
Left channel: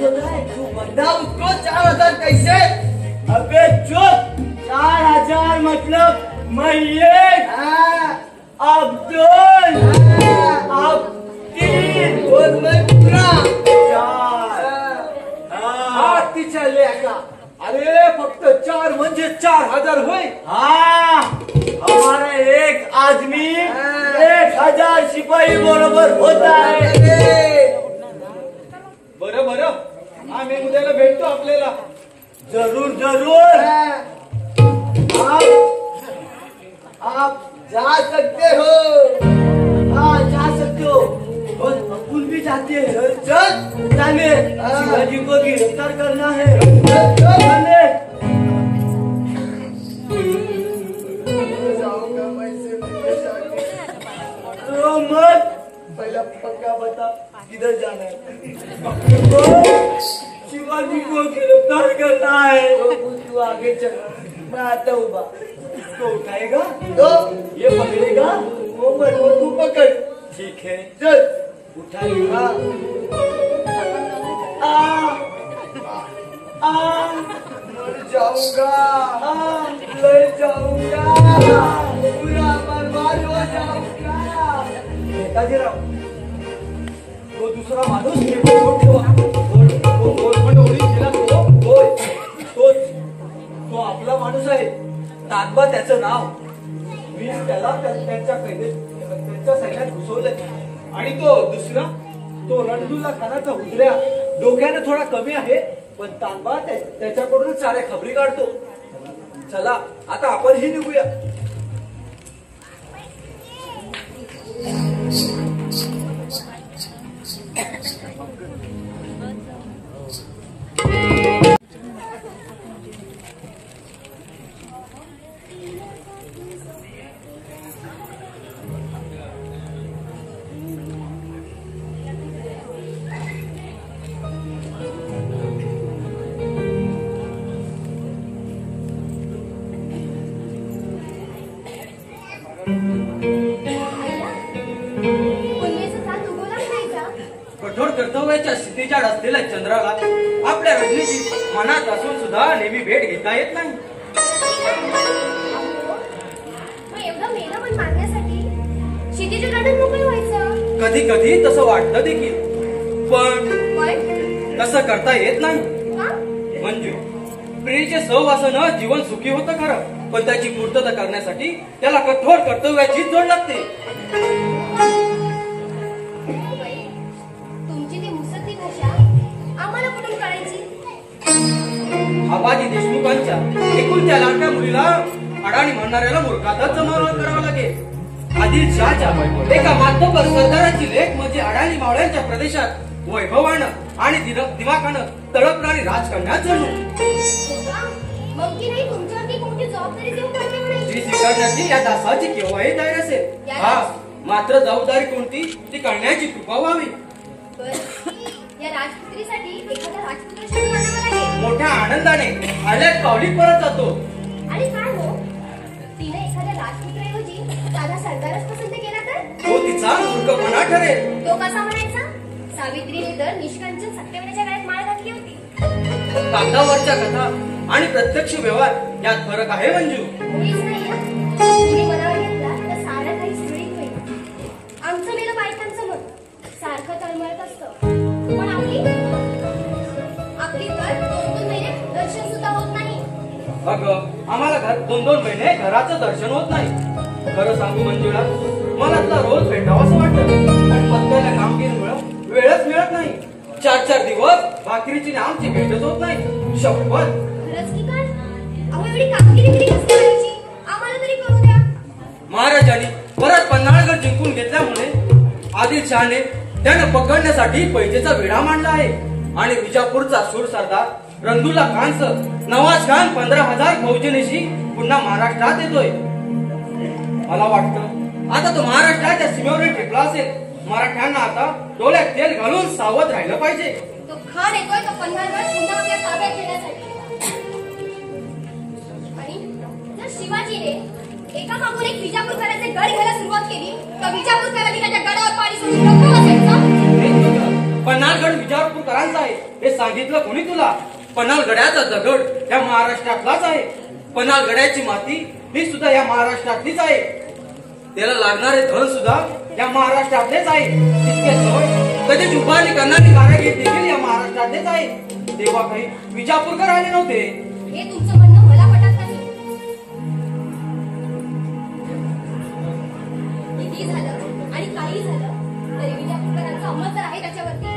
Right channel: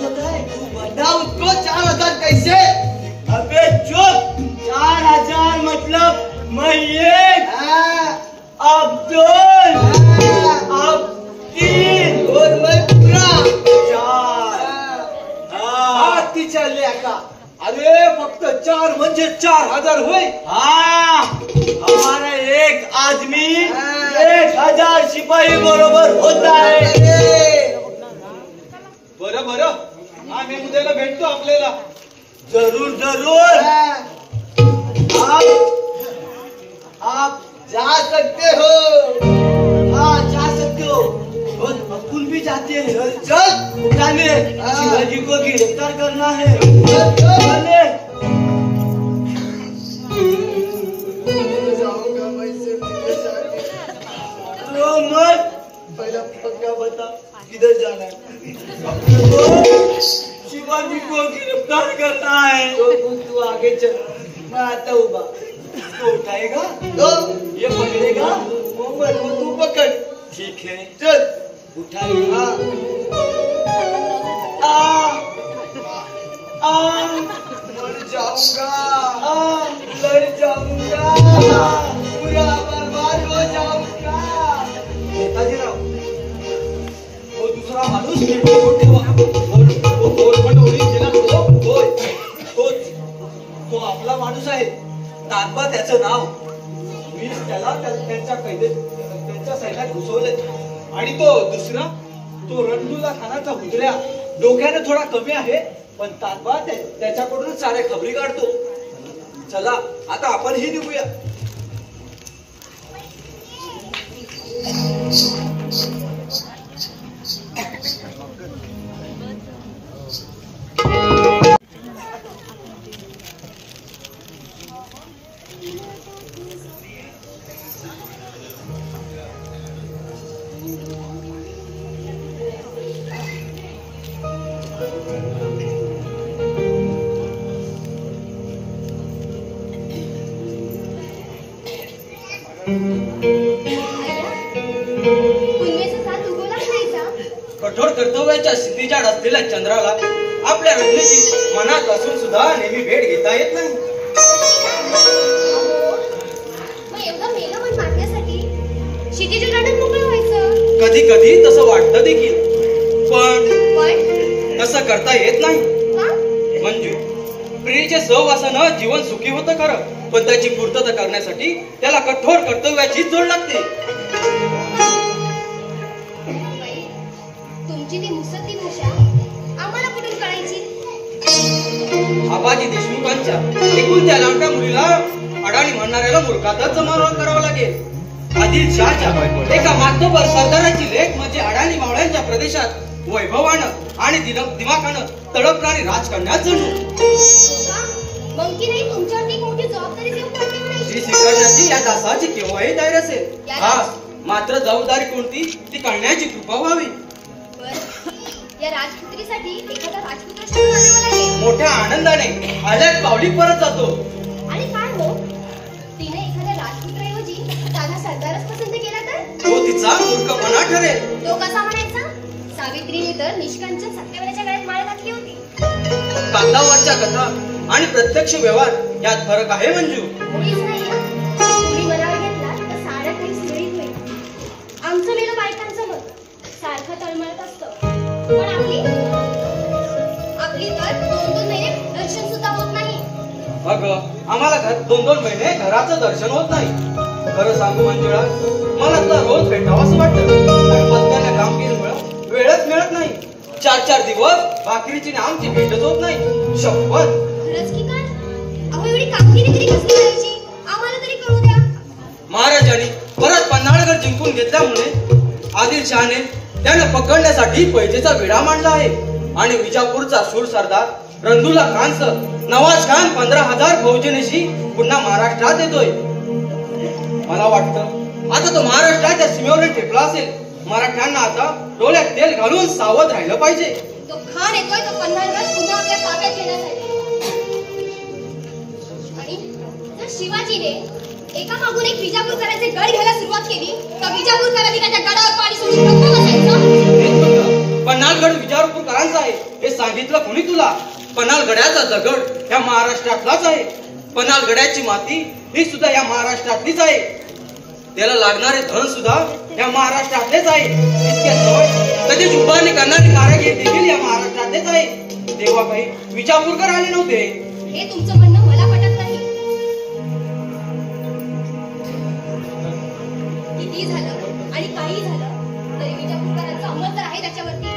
होता है तू बता उसको 4000 कैसे? अबे चुप, 4000 मतलब मैं एक, अब 2, अब 3 और मैं पूरा 4. तिच्या लेका, अरे फक्त 4 म्हणजे 4000 होय. हाँ, हमारा एक आदमी 1000 सिपाही बरोबर होता है. बरं बरं, आम्ही उद्याला भेटतो आपल्याला. जरूर जरूर. आप जा सकते हो. हाँ जा सकते हो. और अपुल भी जाते हैं. चल चल जाने, शिवाजी को गिरफ्तार करना है. जाने. जाऊंगा मैं सिर्फ तो मत. पहला पक्का बता किधर जाना है? शिवाजी को गिरफ्तार करना है. तू आगे चल, मैं आता हूँ बा. इसको उठाएगा तो ये पकड़ेगा, वो वो तू पकड़. ठीक है. चल उठा लिया. लड़ जाऊंगा, लड़ जाऊंगा, पूरा बर्बाद हो जाऊंगा. नेताजी राव, वो दूसरा माणूस ठेवा. तो आपला माणूस आहे. तात्बा त्याचं नाव. मी त्याला त्यांच्या सैन्यात घुसवलंय. आणि तो दुसरा, तो रणदुल्ला खानाचा हुजऱ्या, डोक्याने थोडा कमी आहे, पण तात्बा त्याच्याकडून साऱ्या खबरी काढतो. चला आता आपण ही निघूया. कठोर कर्तव्याच्या स्थितीच्या असलेल्या चंद्राला आपल्या रचनेची मनात असून सुद्धा नेहमी भेट घेता येत नाही. कधी कधी तसं वाटतं देखील, पण तसं करता येत नाही. मंजू, प्रियेचे सहवासानं जीवन सुखी होतं खरं, पण त्याची पूर्तता करण्यासाठी त्याला कठोर कर्तव्याची जोड लागते. आबाजी देशमुखांच्या एकूण त्या लाडक्या मुलीला अडाणी म्हणणाऱ्याला मूर्खातच जमावणं करावं लागेल. आदिलशहाच्या एका मातबर सरदाराची लेख म्हणजे अडाणी मावळ्यांच्या प्रदेशात वैभवानं आणि दिमाखानं तडपणारी राजकन्या जणू. जी स्वीकारण्याची या दासाची केव्हाही तयार असेल. हा मात्र जबाबदारी कोणती ती कळण्याची कृपा व्हावी. या राजपुत्रीसाठी एखादा राजपुत्र शोधून आणावा लागेल. मोठ्या आनंदाने आल्यात पावली परत जातो. आणि काय हो, तिने एखाद्या राजपुत्राऐवजी साधा सरदारच पसंत केला तर तो तिचा मूर्खपणा ठरेल. तो कसा म्हणायचा? सावित्रीने तर निष्कांचन सत्यवनाच्या गळ्यात माळ घातली होती. कागदावरच्या कथा आणि प्रत्यक्ष व्यवहार यात फरक आहे मंजू. मुळीच नाही. तुम्ही मनावर घेतला तर सारं काही सुरळीत होईल. आमचं मेलं बायकांचं मत सारखं तळमळत असतं, पण आपली तर 2-2 महिने दर्शन सुद्धा होत नाही. अगं, आम्हाला 2-2 महिने घराचं दर्शन होत नाही. खरं सांगू मंजुळा, मला आता रोज भेटावं असं वाटतं, पण पत्त्याला कामगिरीमुळे वेळच मिळत नाही. 4-4 दिवस भाकरीची आमची भेटच होत नाही. शपथ. खरंच की काय? अहो एवढी कामगिरी तरी कसली करायची? आम्हाला तरी कळू द्या. महाराजांनी परत पन्हाळगड जिंकून घेतल्यामुळे आदिलशहाने त्यानं पकडण्यासाठी पैजेचा विडा मांडला आहे. आणि विजापूरचा शूर सरदार रणदुल्ला खानचं नवाज खान 15,000 फौजेनेशी पुन्हा महाराष्ट्रात येतोय. मला वाटतं आता तो महाराष्ट्राच्या सीमेवर टेकला असेल. मराठ्यांना आता डोळ्यात तेल घालून सावध राहिलं पाहिजे. तो खान येतोय तो पन्हाळगड पुन्हा आपल्या ताब्यात घेण्यासाठी. आणि जर शिवाजीने एका मागून एक विजापूरकरांचे गड घ्यायला सुरुवात केली तर विजापूरकरांनी त्याच्या गडावर पाणी सोडून रक्त बसायचं. पन्हाळगड विजापूरकरांचा आहे हे सांगितलं कोणी तुला? पन्हाळगडाचा दगड या महाराष्ट्रातलाच आहे. पन्हाळगडाची माती ही सुद्धा या महाराष्ट्रातलीच आहे. त्याला लागणारे धन सुद्धा या महाराष्ट्रातलेच आहे. इतके जवळ त्याची उभारणी करणारे कारागीर देखील या महाराष्ट्रातलेच आहे. तेव्हा काही विजापूरकर आले नव्हते. हे तुमचं म्हणणं मला पटत नाही. किती झालं आणि काही झालं तरी विजापूरकरांचा अंमल तर आहे त्याच्यावरती.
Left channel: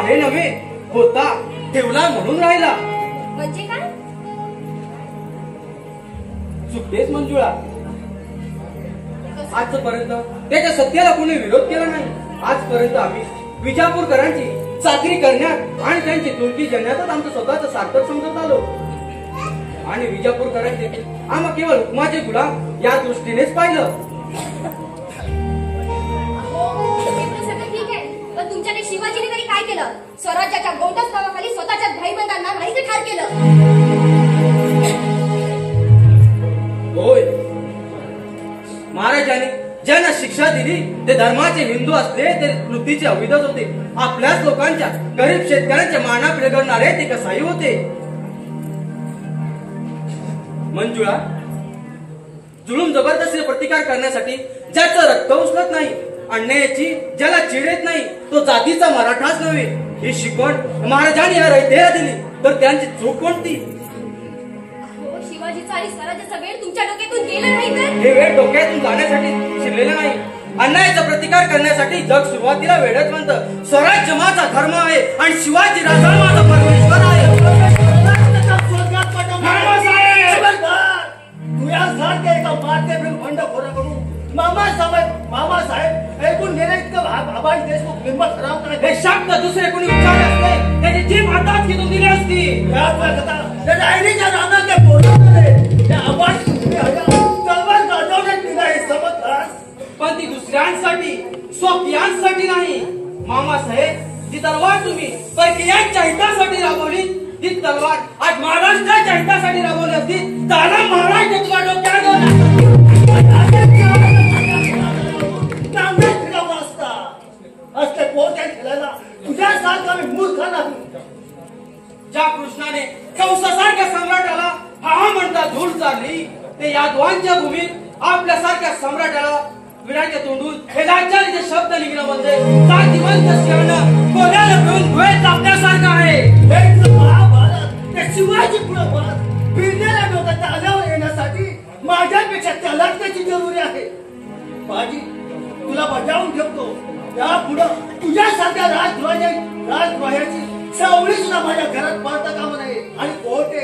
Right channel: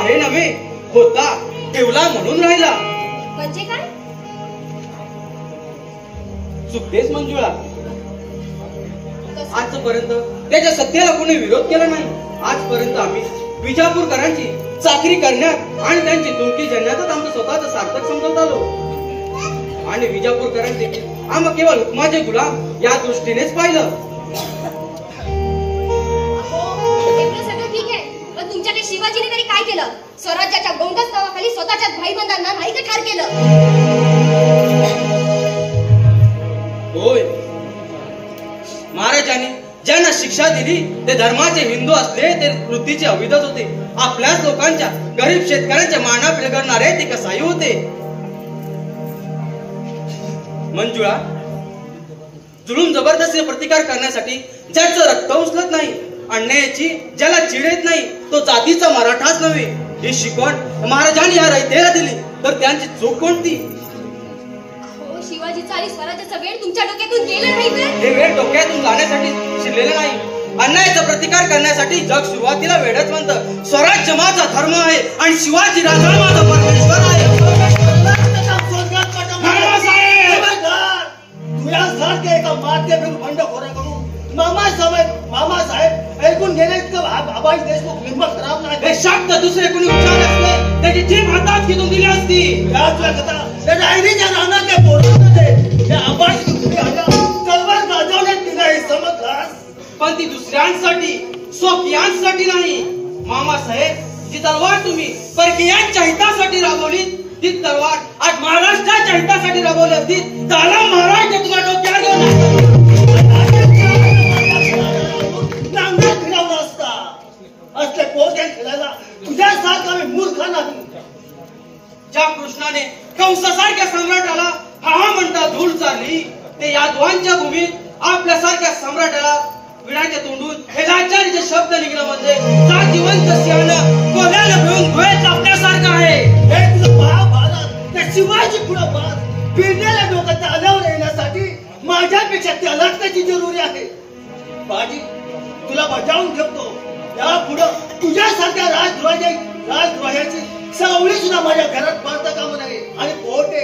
आहे नव्हे, होता, ठेवला म्हणून राहिला. म्हणजे काय? चुकतेच मंजुळा. कसं? आजपर्यंत त्याच्या सत्याला कोणी विरोध केला नाही. आजपर्यंत आम्ही विजापूरकरांची चाकरी करण्यात आणि त्यांची तुर्की जन्यातच आमचं स्वतःचं सार्थक समजत आलो. आणि विजापूरकरांनी देखील आम्हा केवळ हुकमाचे गुलाम या दृष्टीनेच पाहिलं. एवढं सगळं ठीक आहे, पण तुमच्या त्या शिवाजीने तरी काय केलं? स्वराज्याच्या गोंडस नावाखाली स्वतःच्याच भाईबंधांना नाहीसे ठार केलं. होय, महाराजांनी ज्यांना शिक्षा दिली ते धर्माचे हिंदू असले ते वृत्तीचे अविधच होते. आपल्याच लोकांच्या गरीब शेतकऱ्यांच्या माना पिळगणारे ते कसाही होते. मंजुळा, जुलूम जबरदस्तीचा प्रतिकार करण्यासाठी ज्याचं रक्त उचलत नाही, अन्यायाची ज्याला चिड येत नाही, तो जातीचा मराठाच नव्हे. ही शिकवण महाराजांनी या रयतेला दिली तर त्यांची चूक कोणती? हो, शिवाजीचा आणि स्वराज्याचा वेळ तुमच्या डोक्यातून गेला नाही तर? हे वेळ डोक्यातून जाण्यासाठी शिरलेलं नाही. अन्यायाचा प्रतिकार करण्यासाठी जग सुरुवातीला वेळच म्हणतं. स्वराज्य माझा धर्म आहे आणि शिवाजी राजा माझा परमेश्वर आहे. तुझ्यासारखे एका माते बंडखोराकडून मामासाहेब ऐकून घेणे आबाई देशमुख निर्माण करावं नाही. हे शब्द दुसरे कोणी उच्चार असले त्याची जीभ हातात घेऊन दिली असती. त्याच्या आईच्या रानातल्या पोरामध्ये त्या आबाई तलवार गाजवण्यात निघाली समजलास. पण ती दुसऱ्यांसाठी, स्वकीयांसाठी नाही. मामासाहेब, जी तलवार तुम्ही परकीयांच्या हितासाठी राबवली ती तलवार आज महाराष्ट्राच्या हितासाठी राबवली असती त्याला महाराष्ट्र तुझ्या डोक्याला घेऊन असले पोरक्या खेळायला तुझ्यासारखा मी मूर्ख नाही. ज्या कृष्णाने कंसासारख्या सम्राटाला हा म्हणता धूळ चालली ते यादवांच्या भूमीत आपल्यासारख्या सम्राटाला विडाच्या तोंडून हे लाचारीचे शब्द निघणं म्हणजे जातीवंत सिंहानं कोल्याला घेऊन धुळे कापण्यासारखं आहे. हे तुझं महाभारत त्या शिवाजी पुढे पाहत फिरण्याला डोक्यात आल्यावर येण्यासाठी माझ्यापेक्षा त्यालाच त्याची जरुरी आहे. बाजी तुला बजावून ठेवतो. या पुढं तुझ्यासारख्या राजद्रोहाची सावळी सुद्धा माझ्या घरात पाहता कामा नये. आणि कोर्टे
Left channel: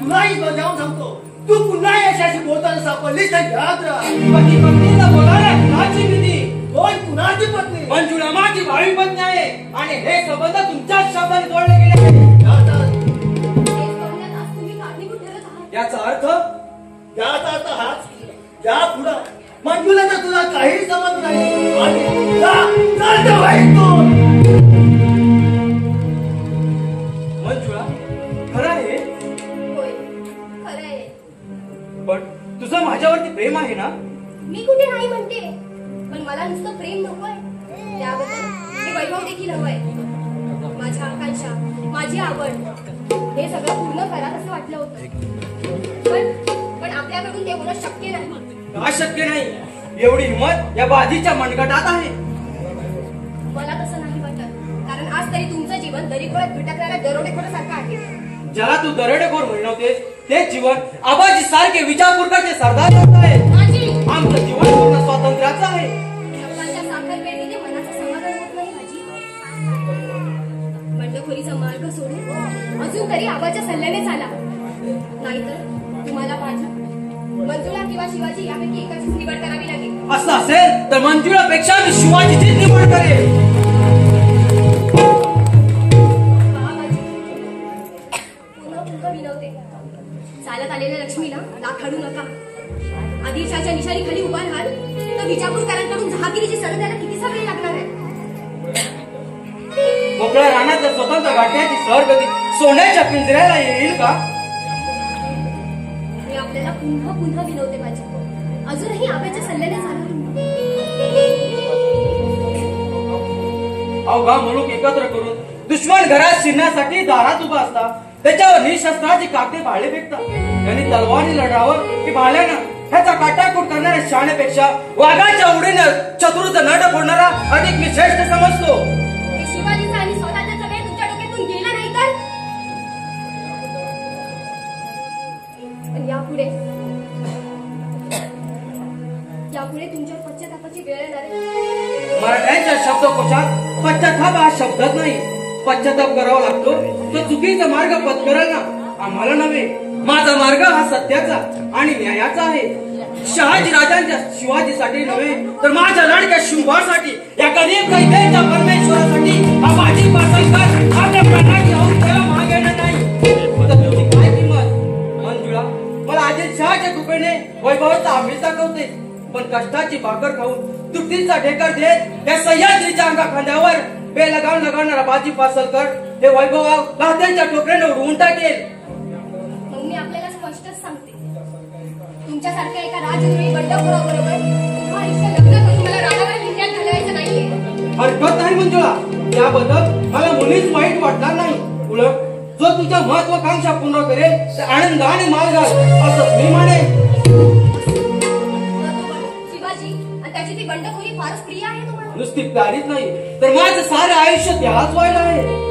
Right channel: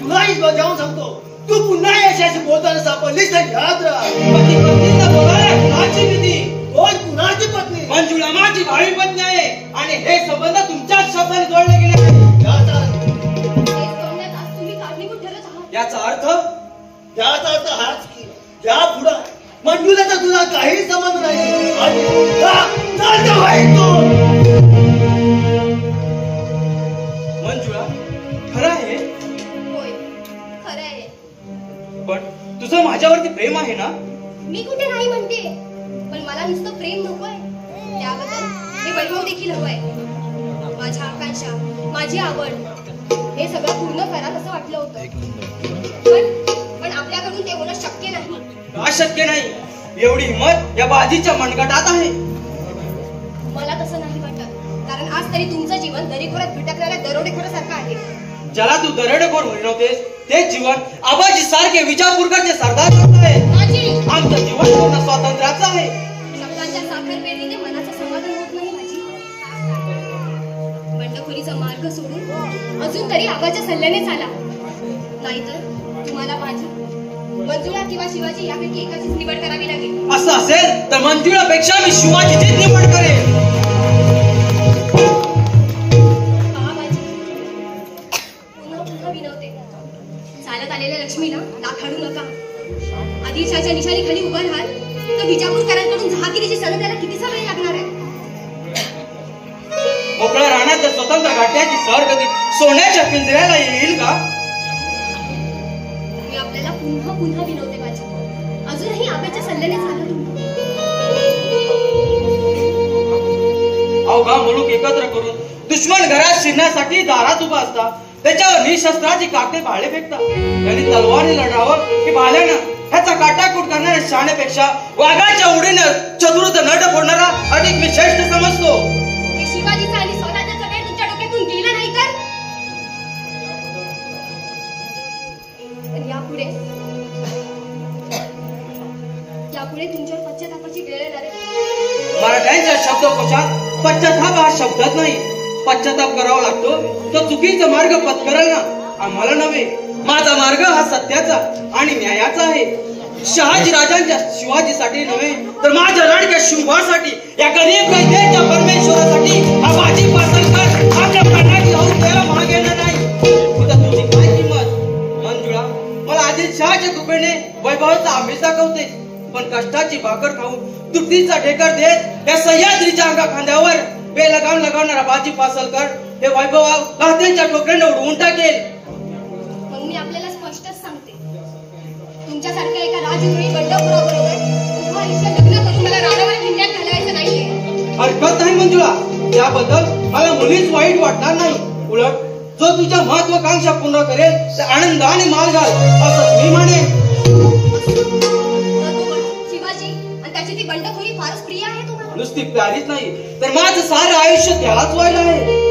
तुलाही बजावून सांगतो, तू पुन्हा यशाशी बोलताना सापडलीस तर याद राहा. पती पत्नीला बोलायला कुणाची भीती? कोण कुणाची पत्नी? मंजुळा माझी भावी पत्नी आहे आणि हे संबंध तुमच्याच शब्दाने जोडले गेले आहेत. हेच बोलण्यात आज तुम्ही कारणीभूत ठरत आहात. याचा अर्थ हाच की या पुढं मंजुळाचा तुला काही संबंध नाही. आणि मंजुळा, खरं आहे? होय, खरं आहे. पण तुझं माझ्यावरती प्रेम आहे ना? मी कुठे नाही म्हणते, पण मला नुसतं प्रेम नकोय. त्याबद्दल हे वैभव देखील हवंय. माझ्या आकांक्षा, माझी आवड हे सगळं पूर्ण करा असं वाटलं होतं. पण आपल्याकडून ते होणं शक्य नाही. का शक्य नाही? एवढी हिंमत या बाजीच्या मनगटात आहे. मला तसं नाही वाटत, कारण आज तरी तुमचं जीवन दरीखोऱ्यात भटकणाऱ्या दरोडेखोरासारखं आहे. ज्याला तू दरोडेखोर म्हणवतेस ते जीवन आबाजी सारखे विजापूरकरचे सरदार होत आहे. माझी आमचं जीवन पूर्ण स्वातंत्र्याचं आहे. शब्दांच्या साखर पेरणीने मनाचं समाधान होत नाही माझी. बंडखोरीचा मार्ग सोडून अजून तरी आबाच्या सल्ल्याने चाला, नाहीतर तुम्हाला माझी मंजुळा किंवा शिवाजी यापैकी एकाचीच निवड करावी लागेल. असं असेल तर मंजुळापेक्षा मी शिवाजीचीच निवड करेन. पुन्हा विनवते, चालत आलेल्या लक्ष्मीला नाकाढू नका. आदिलशाच्या निशाणीखाली उभा राहाल तर विजापूरकरांकडून जहागिरीची सण त्याला किती समय लागणार आहे. मोकळ्या रानात स्वतंत्र गाठण्याची सर कधी सोन्याच्या पिंजऱ्याला येईल का? मी आपल्याला पुन्हा विनवते माझ्या, अजूनही आबाच्या सल्ल्याने चाला. अवघा मुलूक एकत्र करून दुश्मन घरात शिरण्यासाठी दारात उभा असता त्याच्यावर निशस्त्राची काटे भाले फेकतात. त्यांनी तलवारी लढावं की भाल्यानं ह्याचा काटाकूट करणाऱ्या शाण्यापेक्षा वाघाच्या उडीनं चतुर्थ नड फोडणारा अधिक मी श्रेष्ठ समजतो. हे शिवाजीचं आणि स्वराज्याचं वेळ तुमच्या डोक्यातून गेलं नाही तर? पण यापुढे तुमच्यावर पश्चातापाची वेळ येणार आहे. मराठ्यांच्या शब्दकोशात पश्चाताप हा शब्दच नाही. पश्चाताप करावा लागतो तो चुकीचा मार्ग पत्करेल ना आम्हाला नव्हे. माझा मार्ग हा सत्याचा आणि न्यायाचा आहे. शहाजी राजांच्या शिवाजीसाठी नव्हे तर माझ्या लाडक्या शुभासाठी, या गरीब कैद्याच्या परमेश्वरासाठी हा बाजी पासलकर आपल्या प्राणाची हौस द्यायला मागे येणार नाही. तुझं तुझी काय किंमत मंजुळा? मला आदिलशहाच्या तुकडीने वैभवाचा आमिष दाखवते, पण कष्टाची भाकर खाऊन तुटीचा ढेकर देत या सह्याद्रीच्या अंगा खांद्यावर बेलगाम लगावणारा बाजी पासलकर हे वैभव कात्यांच्या ठोकऱ्याने उडवून टाकेल. मग मी आपल्याला स्पष्टच सांगते, तुमच्यासारख्या एका राजद्रोही बंडखोराबरोबर पुन्हा आयुष्य लग्न करून मला राणावर किल्ल्यात घालवायचं नाहीये. हरकत नाही मंजुळा, त्याबद्दल मला मुलीच वाईट वाटणार नाही. उलट जो तुझ्या महत्वाकांक्षा पूर्ण करेल ते आनंदाने माल घाल असं मी म्हणेन. शिवाजी आणि त्याची ती बंडखोरी फारच प्रिय आहे तुम्हाला. नुसती प्यारीच नाही तर माझं सारं आयुष्य त्यालाच व्हायला आहे.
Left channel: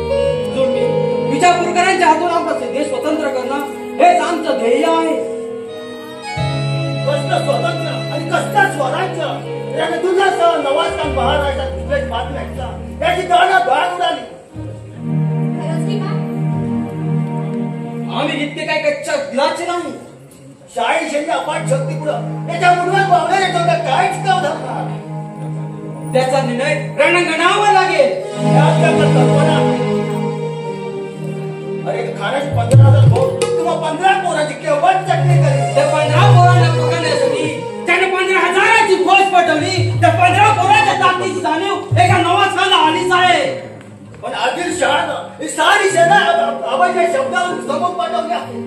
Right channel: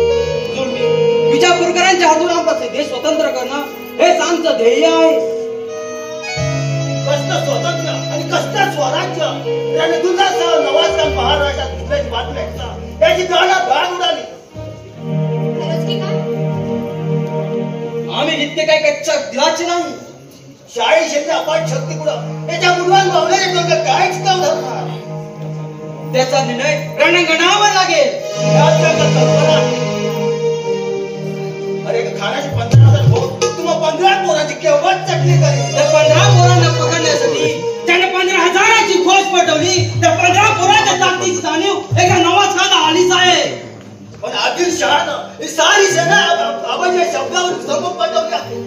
विजापूरकरांच्या हातून आपला देश स्वतंत्र करणं हेच आमचं ध्येय आहे. कष्ट स्वातंत्र्य आणि कष्ट स्वराज्य याने दुनियासह नवाजखान महाराजा दुसऱ्याची बातमी ऐकता त्याची दाणं गाळ उडाली. खरंच की काय? आम्ही इतके काही कच्च्या दिलाचे नाही. शाही शैन्य अपाट शक्ती पुढं त्याच्या मुलवान भावनेच्या डोक्यात काहीच काम धरणार. त्याचा निर्णय रणांगणावर लागेल. यात काय कल्पना अरे खाण्याचे 15,000 भोग तुम्हा 15 पोरांची केव्हा चटणी करेल. त्या 15 पोरांना पकडण्यासाठी त्याने 15,000ची फौज पाठवली. त्या 15 पोरांच्या ताकदीची जाणीव एका नवाजखाना आलीच आहे. पण आदिलशहानं ही सारी सेना आबाच्या शब्दावर समोर पाठवली आहे.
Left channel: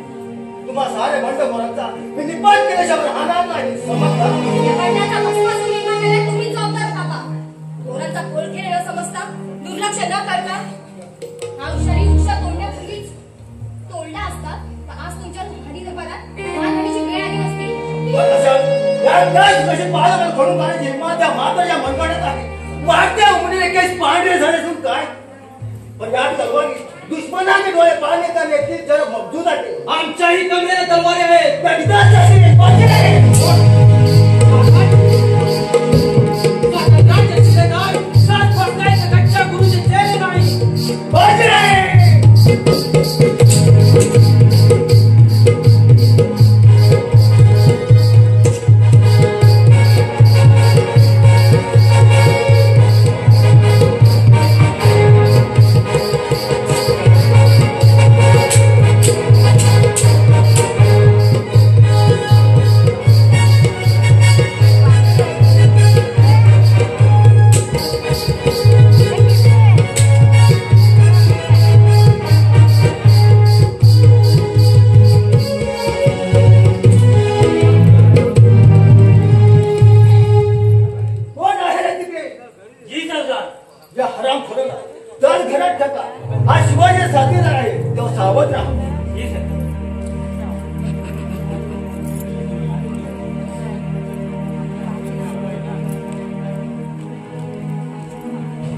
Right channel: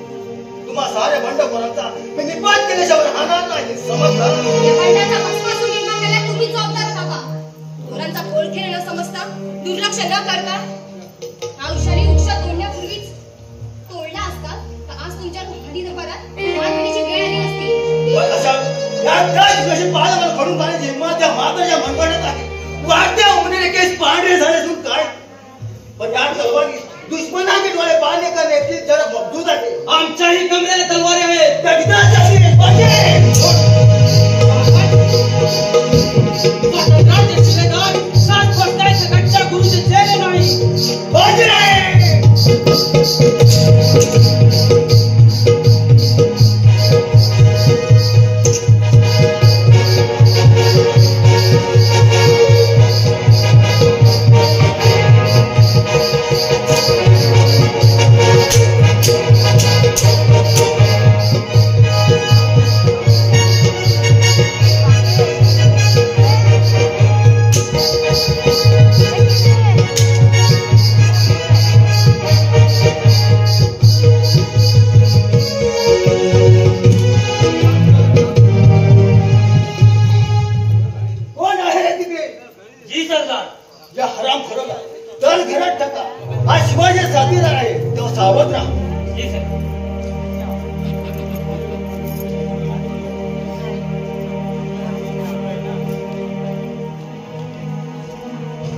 तुम्हा सारे बंडखोरांचा मी निपात केल्याशिवाय राहणार नाही, समजला? या बंडाचा बसवासून निर्माण केलाय तुम्ही जबाबदार काका. पोरांचा पोळ खेळ न समजता, दुर्लक्ष न करता हा हुशारी वृक्ष तोडण्यापूर्वीच तोडला असता तर आज तुमच्या लोखंडी दरबारात मान होण्याची वेळ आली नसती. पण अशा यात कशी पाळा मला खडून काढण्याची हिंमत त्या माताच्या मनगटात आहे. वाटत्या उमरीने केस पांढरे झाले असून काय, पण या तलवारी दुश्मनाचे डोळे पाहणे करण्याची जरा मजबूत आहे. आमच्याही कमरेला तलवारी आहेत. त्या विधानाची बाजी स्वातंत्र्याचे शिलेदार सात वर्षाचे गच्च्या गुरुचे चेले नाही. बाजी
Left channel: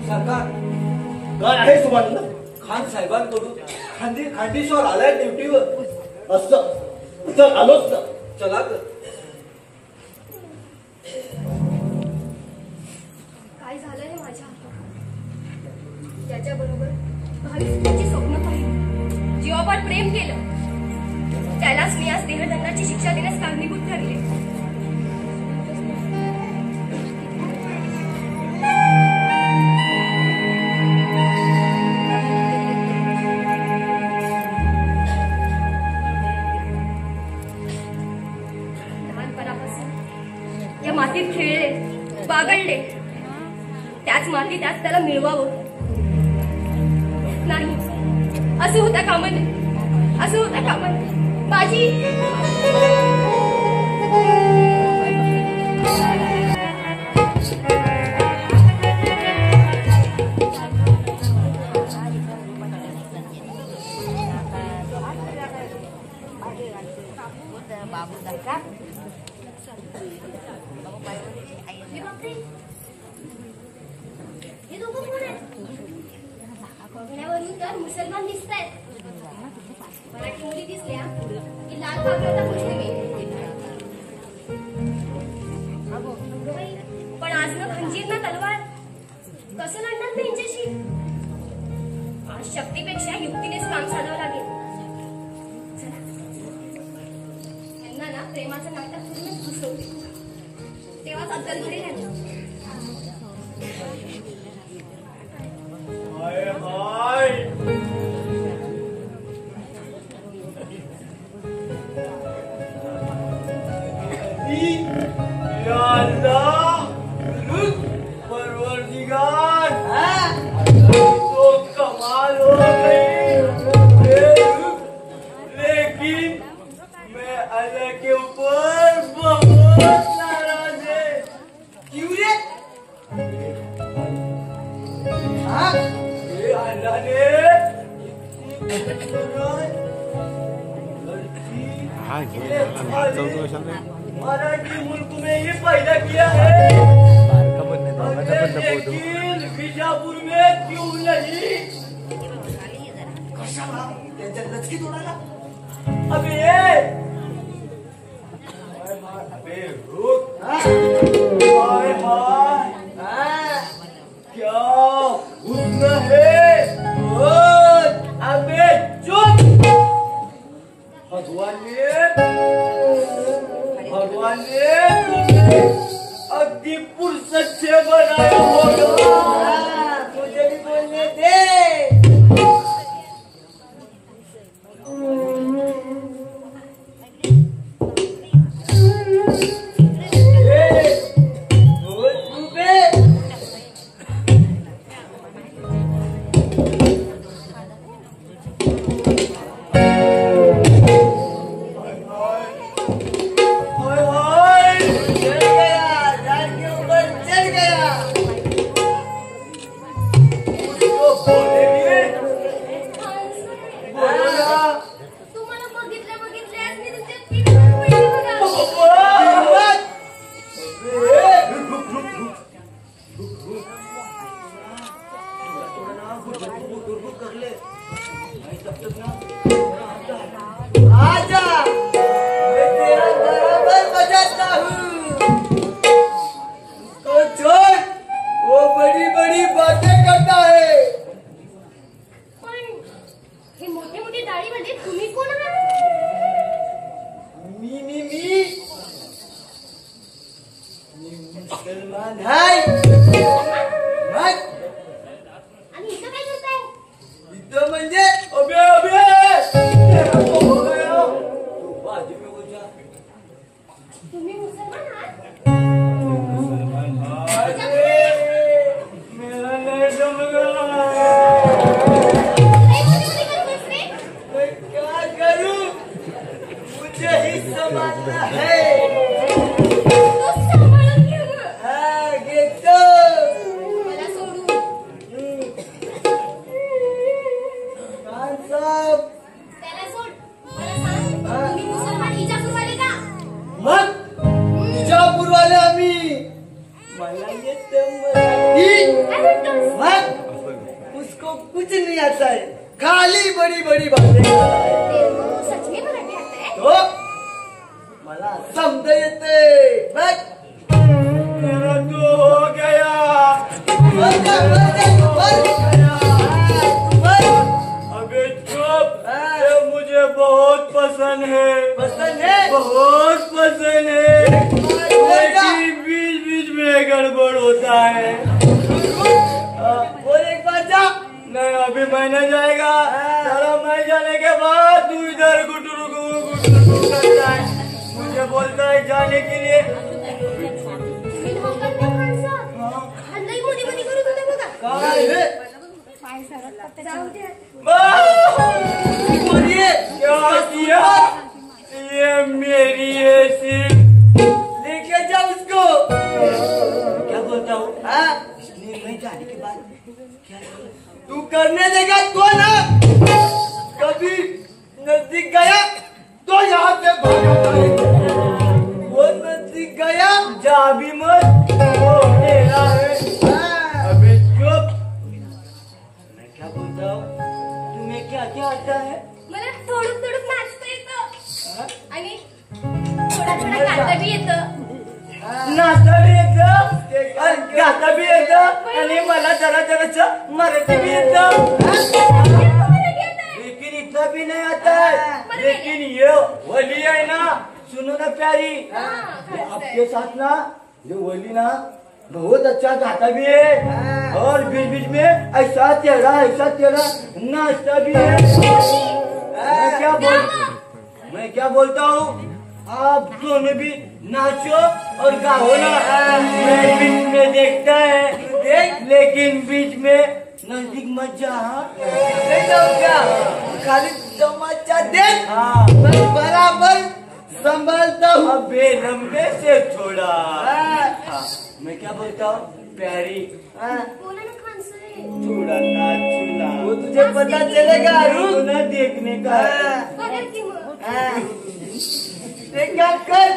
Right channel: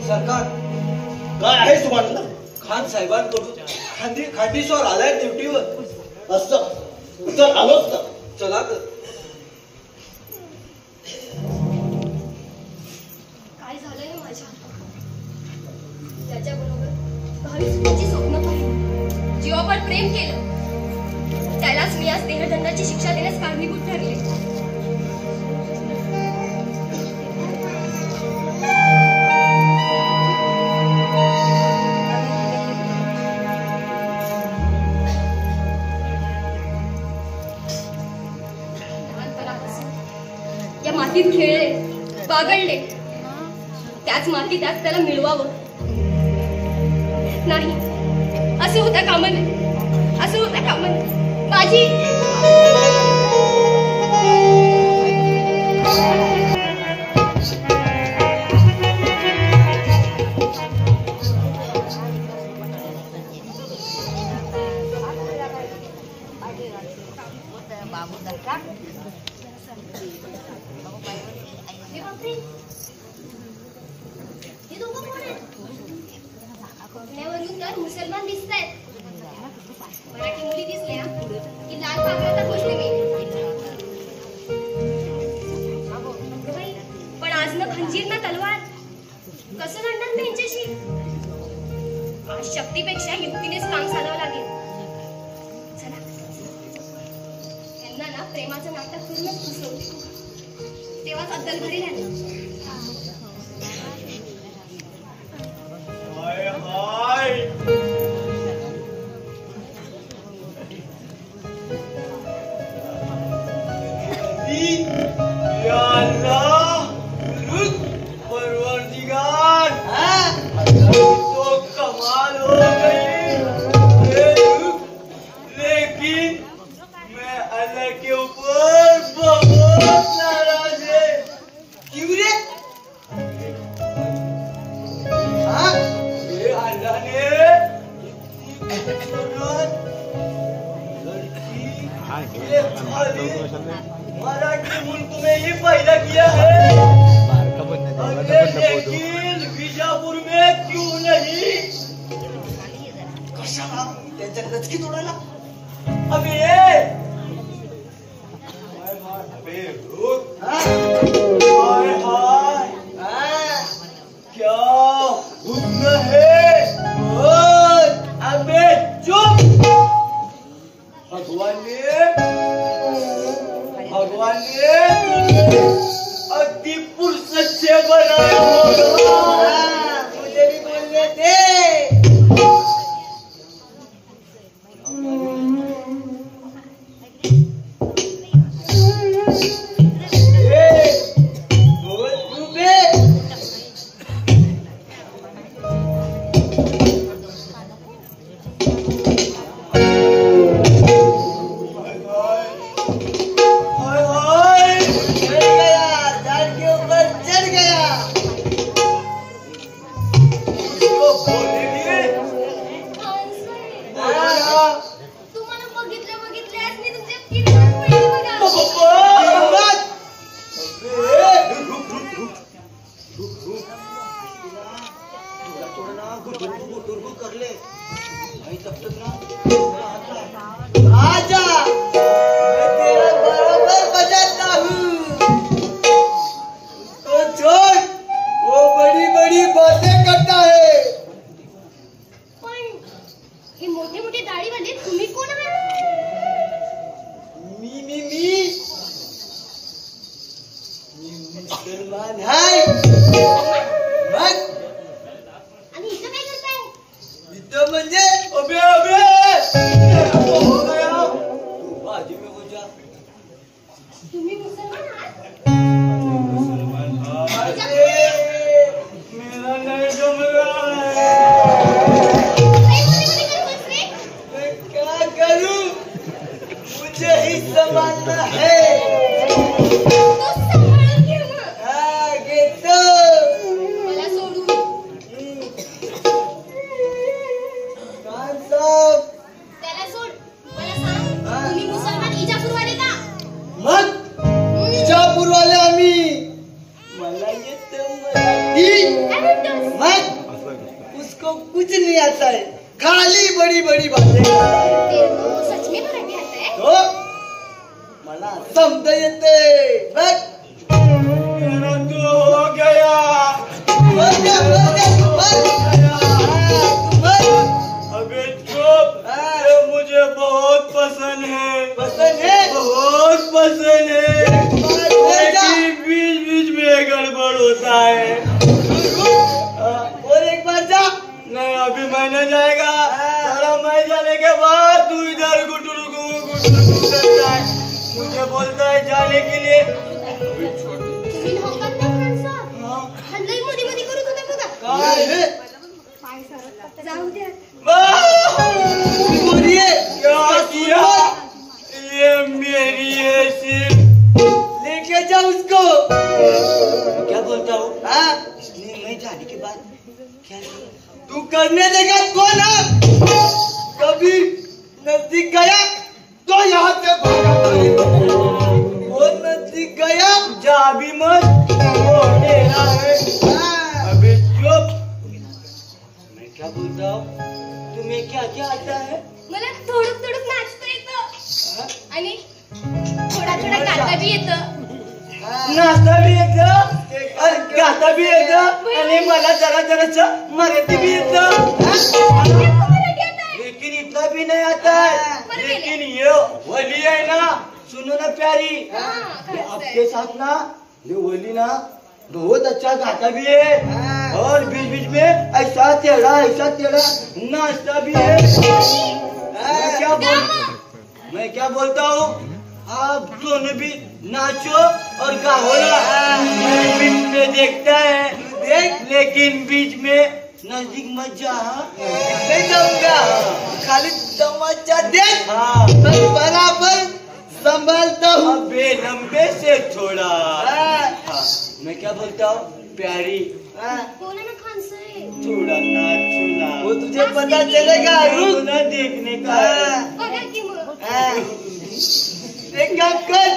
सरकार काय आहे तुम्हाला? खान साहेबांकडून खांडीश्वर आलाय ड्युटीवर. असं तर आलोच तर. चला तर. काय झालंय माझ्या? त्याच्याबरोबर भावी सुखाची स्वप्न पाहिली, जीवापाड प्रेम केलं, त्यालाच मी आज देहदंडाची शिक्षा देण्यास कारणीभूत ठरले. या मातीत खेळले, बागडले, त्याच मातीत आज त्याला मिळवावं नाही. असं होता कामा नये, असं होता कामा नये. बाजी तर मुसलमान दिसतायत. मराठी मुली दिसल्या की लाल पाकळ्याचा प्रश्न मिळते. पण आज ना खंजीर ना तलवार कसं लढणार मी यांच्याशी? आज शक्तीपेक्षा युक्तीनेच काम चालवावं लागेल. चला यांना ना प्रेमाचं नाटक पूर्णच घुसवते, तेव्हाच अद्दल घडी नाही. हाय हाय या अल्लाह परवरदिगार तो कमाल हो गई ये रुख, लेकिन मैं अल्लाह के ऊपर बहुत नाराज है. क्यों रे? हाँ? ये अल्लाह ने इतनी खूबसूरत लड़की ये खाली मराठी मुल्क में ही पैदा किया है. लेकिन बीजापुर में क्यों नहीं? कशाला? त्यांच्या रचकी तोडायला? अबे ये अबे रुक. हाँ? हाय हाय हाँ? क्या हुस्न है. बोल. अबे चुप. भगवान ने तुझे अति फुर्सत से बनाया होगा. हाँ, मुझे भी बोलने दे. बोल तू बे. हाय हाय चढ़ गया, झाड़ के ऊपर चढ़ गया. तो बोलेंगे. हाँ. तुम्हाला बघितल्यास मी तुमच्या किरमत पडली बघा. हिम्मत. आजा, मैं तेरा बराबर बजाता हूँ. तो छोड़, वो बड़ी बड़ी बातें करता है. पण हे मोठे मोठे दाढीवाले तुम्ही कोण आहात? मी मुसलमान है. मग आणि इथं काय करताय? इथं म्हणजे अबे अबे हो गया. तू बाजी में हो जा. तुम्ही मुसलमान आहात? मुसलमान अरे, मेरा नहीं जम रहा है. काय बोली करतोस रे? मैं क्या करूं? मुझे ही संभालना है. तो सांभाळून घे मग. हाँ, घेतो. मला सोडू. खान साहब. त्याला सोड. मला सांग, तुम्ही मुसलमान इजापूरवाले का? मग विजापूरवाले आम्ही. मला येतं मराठी. काय म्हणतोस? मग उसको कुछ नहीं आता है, खाली बड़ी बड़ी बातें करता है. तेरे को सच में मराठी आता है? हो, मला समजा येते. बघ. मेरा तो हो गया. बघ ना, बघ ना, बघ. बघ. अबे चुप. ये मुझे बहुत पसंद है. पसंद है? बहुत पसंद है. लेकिन बीच बीच में गड़बड़ होता है. और एक बार जा. नहीं अभी मैं नहीं जाएगा. चलो मैं जाने के बाद तू इधर गुटुरु करता है. मुझे बोलता है जाने के लिए. तुम्ही मोहब्बत ना माणसं. आणि लई मध्ये करत होते बघा. काय रे? जाऊ द्या. तू बोली है? क्या किया? ये मेरी है सिर्फ. लेके जा उसको. क्या बोलता हूँ? हाँ? इसलिए मैं जाने के बाद क्या तू करने देगा तो ना. कभी नजदीक गया तो यहाँ से भागा नहीं. वो नजदीक गया. जा भी मत. वो तेरा है. हाँ. अबे चुप. मैं क्या बोलता हूँ? तुम्हें क्या क्या आता है? मला थोडं थोडं नाचता येतं आणि थोडा थोडा गाता बी येतं. नाचता भी येतं आणि गाता भी येतं आणि मला जरा जराचं मराठी भी येतं. लेकिन इतना भी नहीं आता है. लेकिन ये वली है ना, सुनो ना प्यारी, आपके साथ ना ये वली ना बहुत अच्छा गाता भी है और बीच बीच में ऐसा टेढ़ा नाचता भी है. मैं क्या बोलता हूँ, आप दोनों भी नाचो और गाओ ना. मैं बीच में देखता है देख, लेकिन बीच में नजदीक मत जा. नहीं जाऊंगा. खाली तमाचा दे. हाँ. मैं बराबर संभालता हूँ. अबे लंबे से छोड़ा. मैं क्या बोलता हूँ प्यारी, बोला ना खान साहेब. थोड़ा नाचो ना. वो तुझे पता चलेगा अरुण. रुक ना देखने का. बघा की मग. एक काम कर,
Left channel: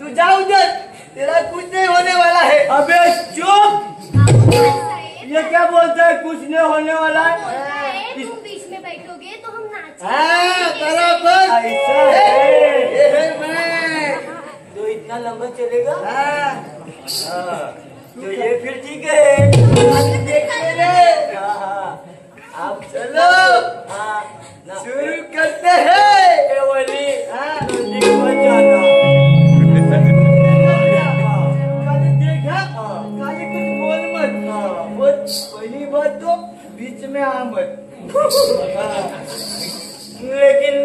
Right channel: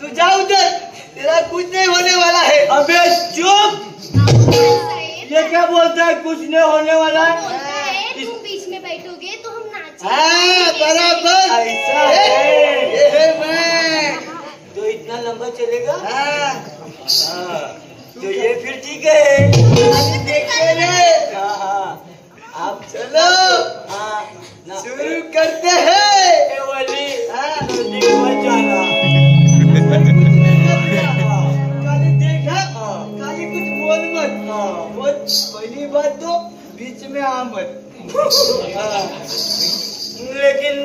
तू जा उधर. तेरा कुछ नहीं होने वाला है. अबे चुप. खान साहेब ये क्या बोलता है कुछ नहीं होने वाला है? बोलता है तुम बीच में बैठोगे तो हम नाचेंगे. हाँ, बराबर. ऐसा है. ये है मैं. तो इतना लंबा चलेगा? हाँ, तो ये फिर ठीक है. अभी देखते रहे. आप चलो हाँ, ना- शुरू करते हैं. ए वली, हाँ, नजदीक मत जाना. खाली देखा, खाली कुछ बोल मत. वो पहली बात तो बीच में आ मत. लेकिन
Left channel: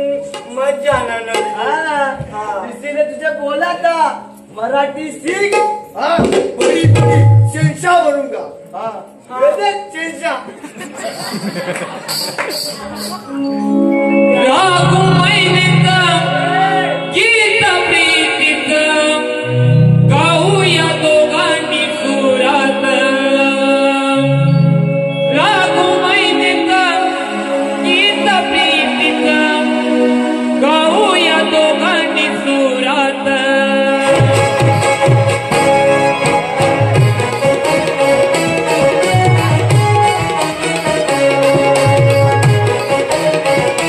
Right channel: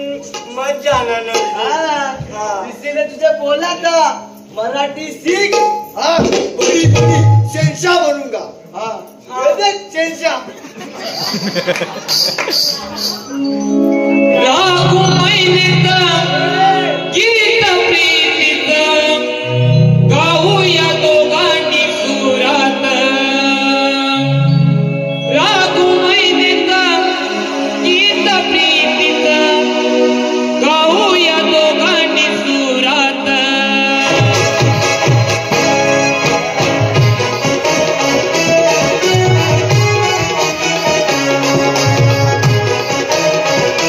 मत जाना नहीं. हाँ, इसीलिए तुझे बोला था मराठी सीख. हाँ, बड़ी बड़ी शहंशाह बनूंगा. हाँ, शहंशाह. रागु मैनेता गीत प्रीतीचा गाऊया दोघांनी सुरात. रागु मैनेता गीत प्रीतीचा गाऊया दोघांनी सुरात. खान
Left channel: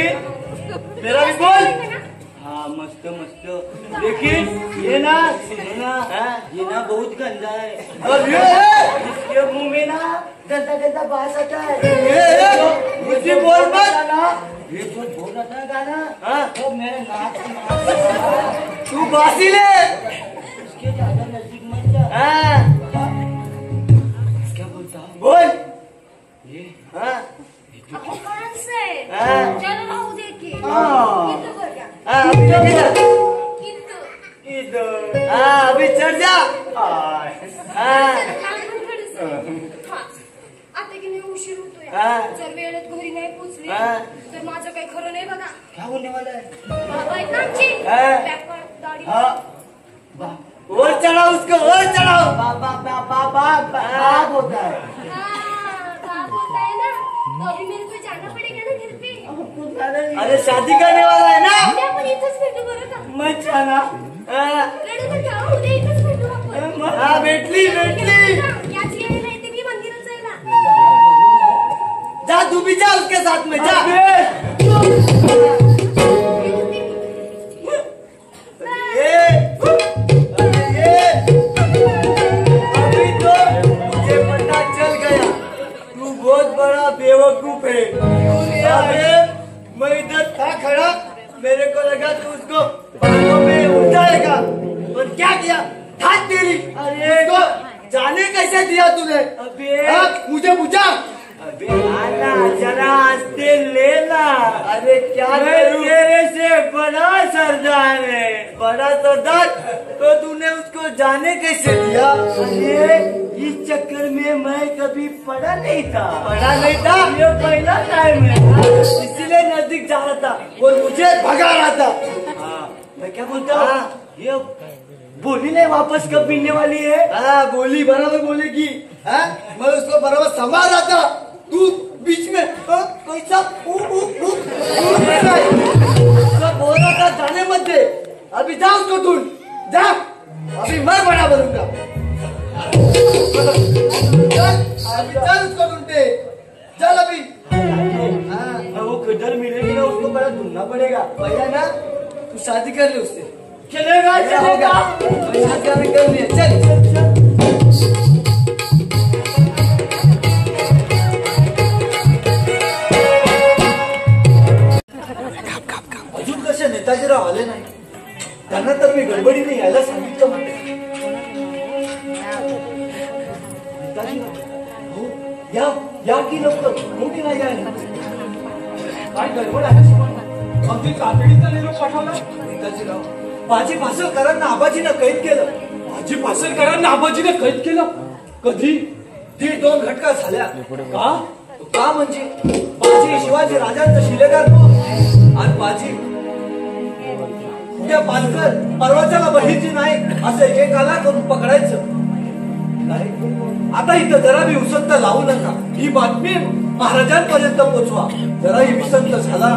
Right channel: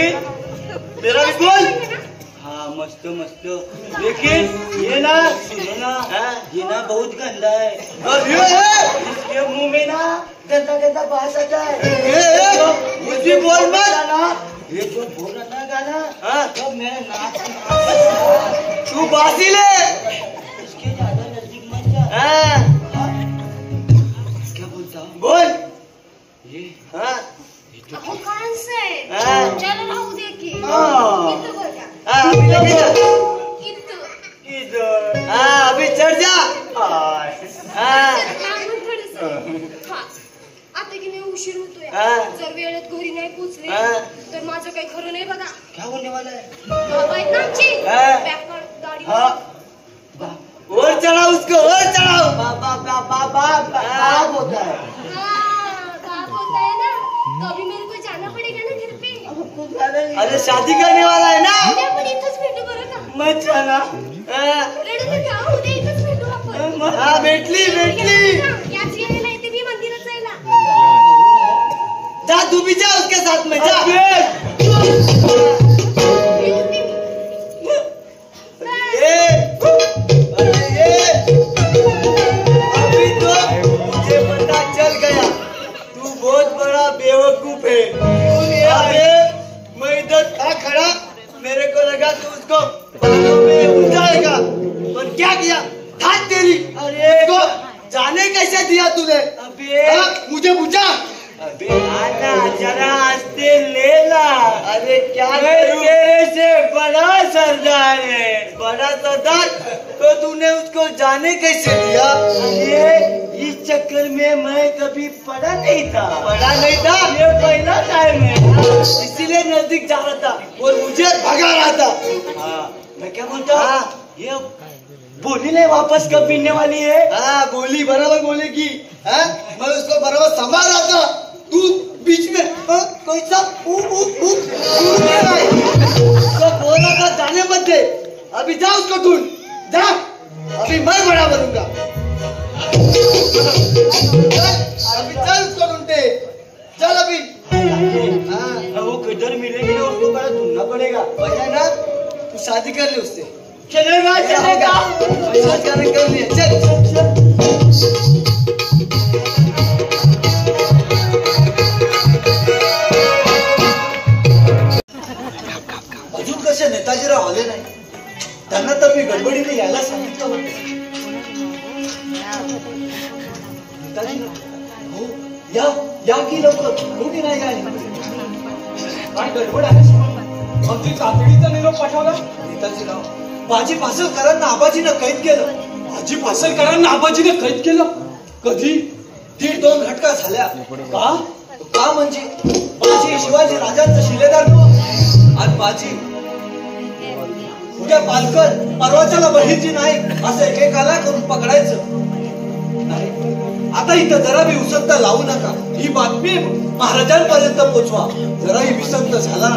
लेकिन मेरा भी बोल। हाँ मस्त मस्त, लेकिन ये ना ना बहुत गंदा है। अब ये इसके मुंह में ना गंदा गंदा बात आता है। मुझे बोल मत। ये जो बोल रहा था गाना, तो मैं नाच तू बासी ले। इसके ज्यादा नजदीक मत जा। क्या बोलता बोल। ये अहो खान से हाँ। चलो राहू दे की हाँ। इथं बघा इथं इधर अभी चढ़ जा। लागून थोडंसं. हा. आता की नाही उशीर होतोय. हा. जर वेळेत घरी नाही पोहोचले हा. तर माझं काही खरं नाही बघा. क्या होने वाला है? बाबा आहेत ना आमची. हा. बॅकवर्ड गाडी. और चढ़ाओ उसको, और चढ़ाओ। बाप होता है। हाँ, बाप होता है ना, तो अभी मेरे को जाना पड़ेगा ना घर पे. अरे शादी करने वाला है ना। उद्या आपण इथंच भेटू बरं का? मैं जाना रडू नका, उद्या इथंच भेटू आपण. हाँ, भेटली. याच येणे नाही ते मी मंदिरात जाईल ना. जा तू भी जा उसके साथ में जा। अभी तो मुझे पता चल गया तू बहुत बड़ा बेवकूफ है। अरे मैं इधर था खड़ा, मेरे को लगा तू उसको बालों में उलझाएगा, और क्या किया? हाथ तेरी। अरे उसको जाने कैसे दिया तूने? मुझे पूछा। अबे आना जरा आस्ते लेना। अरे क्या मैं करूं? तेरे से बड़ा सरदार है। बड़ा सरदार तो तूने उसको जाने कैसे दिया? अरे इस चक्कर में मैं कभी पढ़ा नहीं था। पढ़ा नहीं था, ये पहला टाइम है, इसीलिए नजदीक जा रहा था और मुझे भगा रहा था। मैं क्या बोलता हूँ? हाँ। ये बोली नहीं वापस कब मिलने वाली है? हाँ बोली, बराबर बोलेगी। हाँ मैं उसको बराबर संभाल रहा था, तू बीच में कैसा उसको बोल रहा था जाने मत दे। अभी जा उसको ढूंढ, जा। अभी मैं बड़ा बनूंगा। अभी चल उसको ढूंढते, चल अभी। हाँ वो किधर मिलेगी ना, उसको बड़ा ढूंढना पड़ेगा। भैया ना, तू शादी कर ले उससे। चलेगा शादी कर लिया, चल। अजून कसे नेताजीराव आले नाही? त्यांना तर मी गडबडीने यायला सांगितलं होतं. नेताजीराव, या की लवकर, मोठी नाही आहे. काय गडबड आहे? आमची तातडीचा निरोप पाठवला. नेताजीराव, बाजी पासलकरांना आबाजीनं कैद केलं. भाजी पासलकरांना आबाजीने कैद केलं. कधी? 1.5-2 घटका झाल्या. का? का म्हणजे बाजी शिवाजी राजांचा शिलेदार नव्हता. आणि बाजी उद्या पालकर परवाच्याला बहिर्जी नाही असं एकेकाला करून पकडायचं. नाही, आता इथं जरा बी उसंत लावू नका. ही बातमी महाराजांपर्यंत पोचवा. जराही विसंत झाला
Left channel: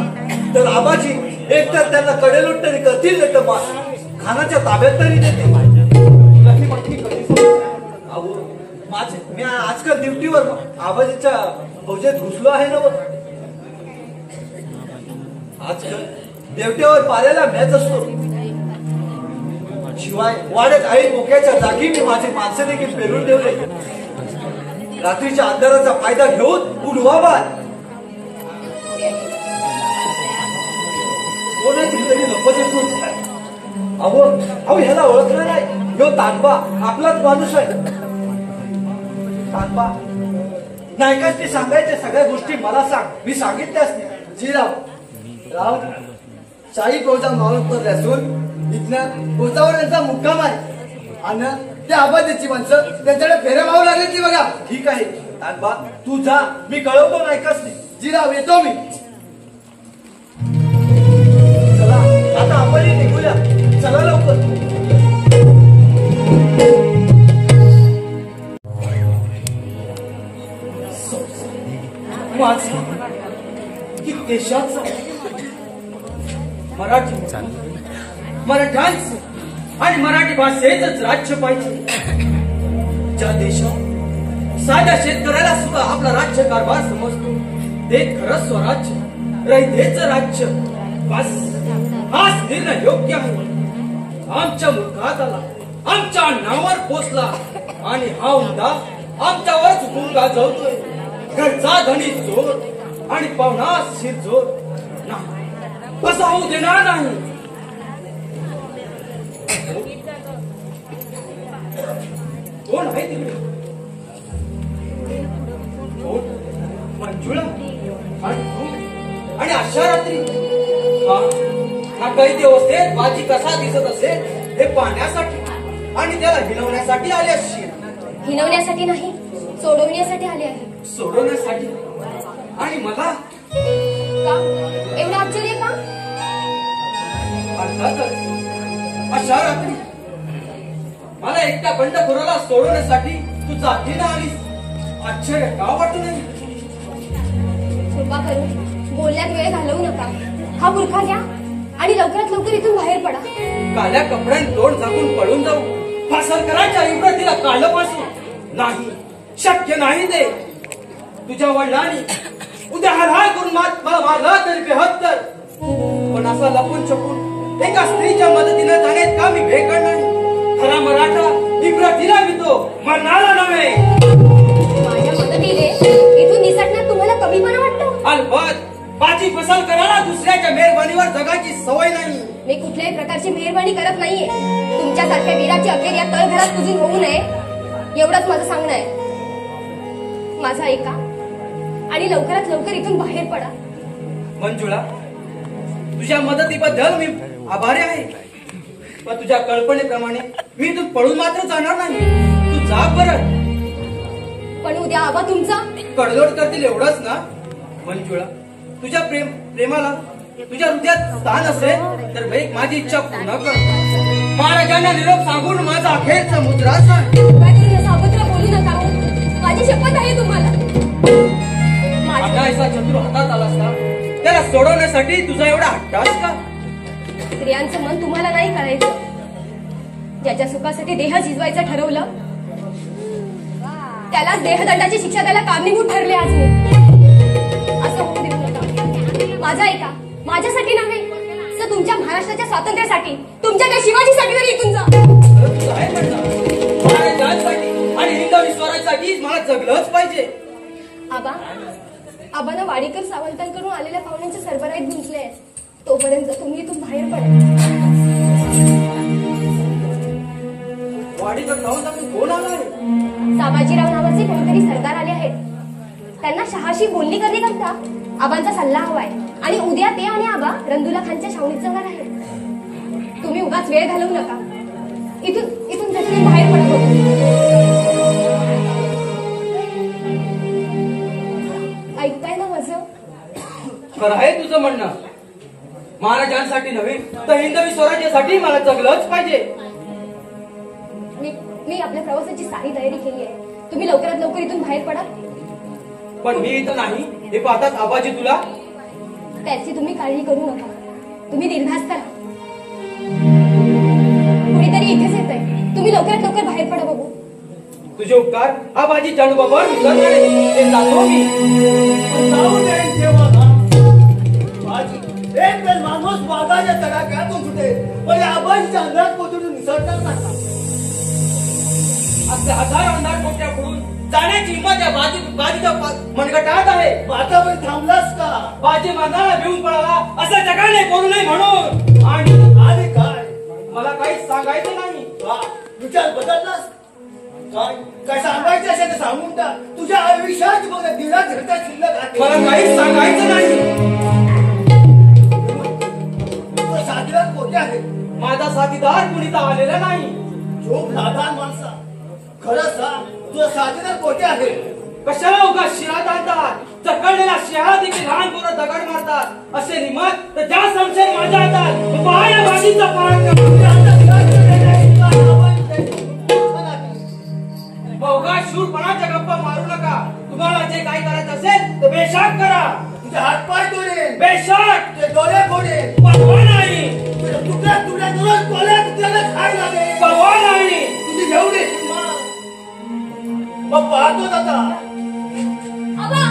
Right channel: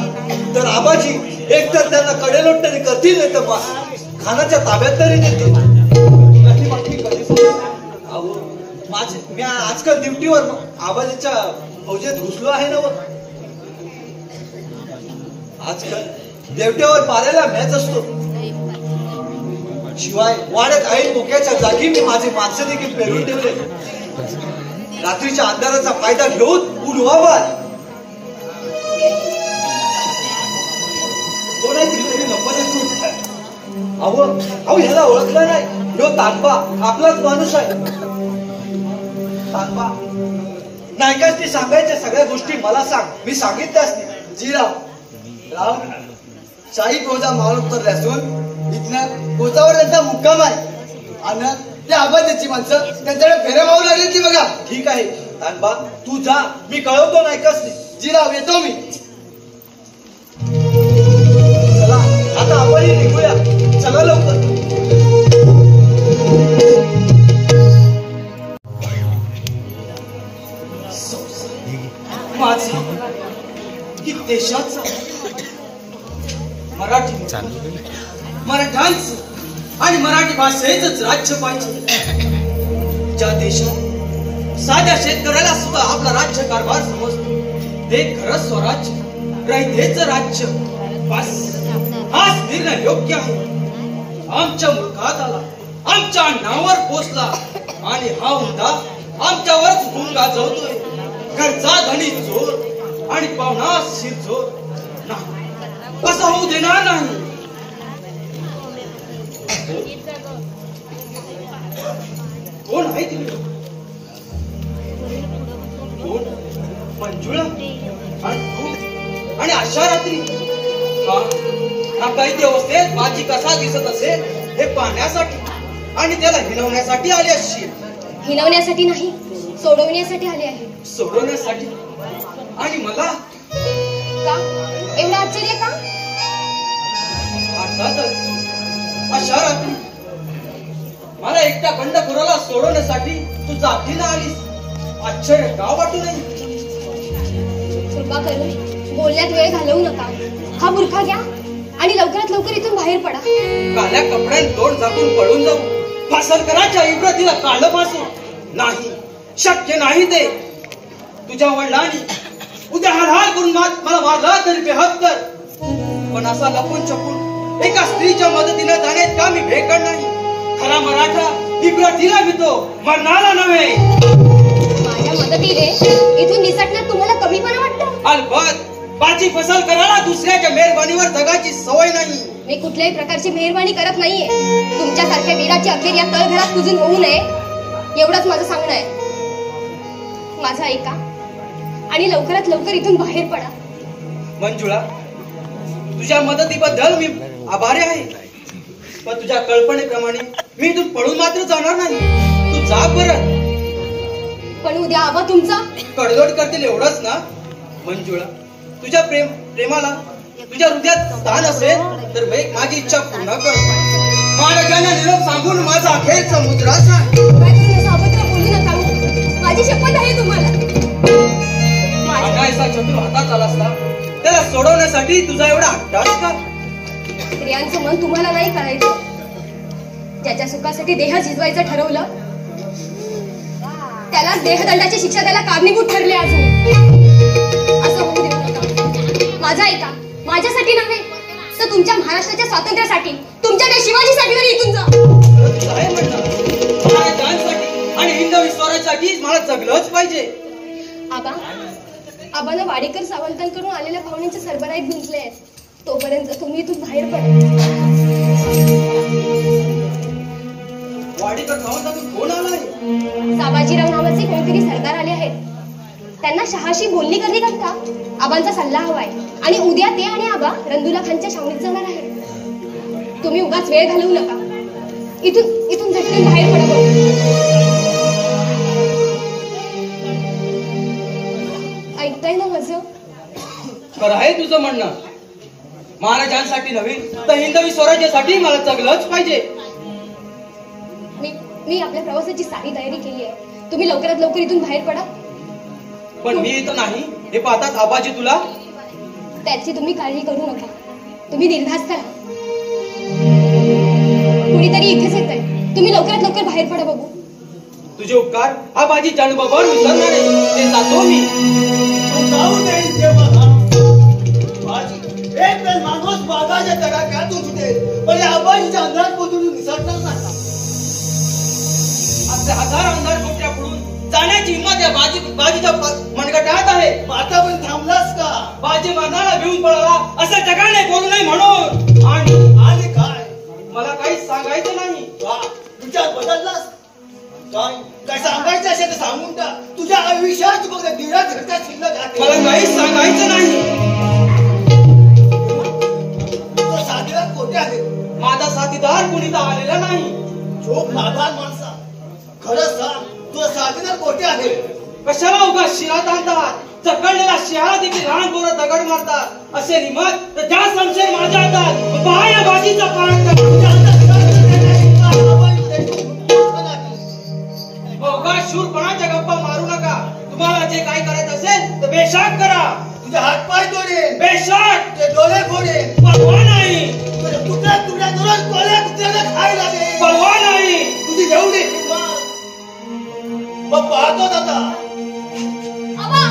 तर आबाजी एकतर त्यांना कडेलोट तरी करतील, नाही तर खानाच्या ताब्यात तरी देतील. आणि बाकी कधी? अहो, मी आजकाल ड्युटीवर आबाजीच्या फौजेत घुसलो आहे ना. आजकाल देवट्यावर पाल्याला मॅच असतो. शिवाय वाड्यात आई मोक्याच्या जागी मी माझी माणसं देखील पेरून ठेवले. रात्रीच्या अंधाराचा फायदा घेऊन उलवाबाद कोणाची तरी नफत येतो. अहो ह्याला ओळखलं नाही. ह्यो तानबा आपलाच माणूस आहे. तानबा, नायकाची सांगायच्या सगळ्या गोष्टी मला सांग. मी सांगितल्याच नाही. राव शाही कोळचा मावळ उतरले असून इथनं कोचावर त्यांचा मुक्काम आहे, आणि ते आबाजीची माणसं त्यांच्याकडे फेऱ्या मारून आली ती बघा. ठीक आहे तानबा, तू जा, मी कळवतो नायकाच नाही. जीराव येतो मी. चला आता आपण निघूया. चला लवकर. माझं की देशाचं, मराठ्यांचं आणि मराठी भाषेचंच राज्य पाहिजे. ज्या देशात साध्या शेतकऱ्याला सुद्धा आपला राज्य कारभार समजतो ते खरंच स्वराज्य. रयतेचं राज्य. बस हाच निर्णय योग्य आहे. आमच्या मुखात आला, आमच्या नावावर पोचला आणि हा हुंडा आमच्यावर गुंगा जळतोय. घरचा धनी चोर आणि पाहुणा शिरचोर नाही, असं होऊ देणार नाही. कोण आहे तिकडे? कोण? मंजुळा आणि तू आणि अशा रात्री हा कैदी अवस्थेत बाजी कसा दिसत असेल हे पाहण्यासाठी आणि त्याला हिलवण्यासाठी आले असशील. हिनवण्यासाठी नाही, सोडवण्यासाठी आले आहे. सोडवण्यासाठी? आणि मला का एवढं आश्चर्य का? अर्थातच अशा रात्री मला एकट्या बंडखोराला सोडवण्यासाठी तू जातीला आलीस. आश्चर्य का वाटू नये? कृपा करून बोलण्यात वेळ घालवू नका. हा बुरखा घ्या आणि लवकरात लवकर इथून बाहेर पडा. काल्या कपड्यात तोंड झाकून पळून जाऊ? फासलकराच्या इब्रतीला काढलं पासून नाही, शक्य नाही ते. तुझ्या वडिलांनी उद्या हालहाल करून मला मारला तरी बेहत्तर, पण असा लपून छपून एका स्त्रीच्या मदतीने जाण्यात का मी भेकड नाही. खरा मराठा इब्रतीला मिळतो, मरणाला नव्हे. माझ्या मदतीने इथून निसटण्यात तुम्हाला कमीपणा वाटतो? अलबत बाजी फसल करायला दुसऱ्याच्या मेहरबानीवर जगाची सवय नाही. मी कुठल्याही प्रकारची मेहरबानी करत नाहीये. तुमच्यासारख्या वीराची अखेर या तळघरात कुजून होऊ नये एवढंच माझं सांगणं आहे. माझं ऐका आणि लवकरात लवकर इथून बाहेर पडा. मंजुळा, तुझ्या मदतीबद्दल मी आभारी आहे, पण तुझ्या कल्पनेप्रमाणे मी इथून पळून मात्र जाणार नाही. तू जा बरं. पण उद्या आबा तुमचा कडलोड करतील एवढंच ना? मंजुळा, तुझ्या प्रेमाला तुझ्या हृदयात स्थान असेल तर वेग माझी इच्छा पूर्ण कर. महाराजांना निरोप सांगून माझा अखेरचा मुद्रा सांग. सावत्र बोलू नका. माझी शपथ आहे तुम्हाला. माझा असा चतुर हातात आला असता त्याला सोडवण्यासाठी तुझा एवढा हट्टास का? स्त्रियांचं मन तुम्हाला नाही कळायचं. ज्याच्या सुखासाठी देह झिजवायचं ठरवलं त्यालाच देहदंडाची शिक्षा त्याला कारणीभूत ठरले. आज असं होऊ देऊ नका. माझा ऐका, माझ्यासाठी नव्हे तर तुमच्या महाराष्ट्राच्या स्वातंत्र्यासाठी, तुमच्या त्या शिवाजीसाठी तरी इथून जा. आहे म्हणणं महाराजांसाठी आणि हिंदवी स्वराज्यासाठी मला जगलंच पाहिजे. आबांना वाडेकर सावंतांकडून आलेल्या पाहुण्यांच्या सरबराईत गुंतले आहेत. तोपर्यंत तुम्ही इथून बाहेर पडा. वाडेकर सावंतांकडून कोण आलाय? साबाजीराव नावाचे कोणतरी सरदार आले आहेत. त्यांना शहाशी बोलणी कधी करता आबांचा सल्ला हवाय आणि उद्या ते आणि आबा रंदुला खानच्या छावणीत जाणार आहेत. तुम्ही उगाच वेळ घालवू नका. इथून झटकन बाहेर पडा. ऐकताय ना माझं? खरं आहे तुझं म्हणणं. महाराजांसाठी नव्हे तर हिंदवी स्वराज्यासाठी मला जगलंच पाहिजे. मी आपल्या प्रवासाची सारी तयारी केली आहे. तुम्ही लवकरात लवकर इथून बाहेर पडा. पण मी इथं नाही हे पाहतात आबाजी तुला. त्याची तुम्ही काळजी करू नका. तुम्ही निर्धास्त राहा. कुणीतरी इथेच येत आहे. तुम्ही लवकरात लवकर बाहेर पडा बघू. तुझे उपकार आबाजी जन्मभर विसरणार नाही. ते जातो मी. जाऊ दे तेव्हा एक वेळ माणूस बागाच्या तडाख्यातून होते पण आबाजीच्या अंधारात पोचून निसटणार नाही. आपले हजार अंधार कोट्या पडून जाण्याची हिंमत या बाजीच्या मनगटात आहे. आता पण थांबलास का? बाजी मारणारा भिवून पळाला असं जगाने बोलू नये म्हणून. आणि काय? मला काहीच सांगायचं नाही. विचार बदललास? काय सांगायचं असेल तर सांगून टाक. तुझ्या आयुष्यात बघ दिरा घरचा शिल्लक मला काहीच सांगायचं नाही. साथीदार कोणते आहे? माझा साथीदार कुणीच आलेला नाही. झोप नादान माणसा, खरं सांग तुझा साथीदार कोणते आहे? कशाला उगा शिरात आणतात? चकडलेला शिळा देखील लहान पोरं दगड मारतात. असे निमत तर ज्या संशय माझ्या हातात पहा या बाजीचा पराक्रम. अवघा शूरपणाच्या गप्पा मारू नका. तुम्हाला जे काही करायचं असेल तर बेशाक करा. तुझे हातपाय तोडेन, बेशाक. तुझे डोळे फोडेन, पळवा नाही. तुझ्या तुकड्या तुकड्या करून कोल्या कुत्र्याला खायला दे. पळवा नाही. तुझी एवढी हिंमत मग पाहतोच आता. आबा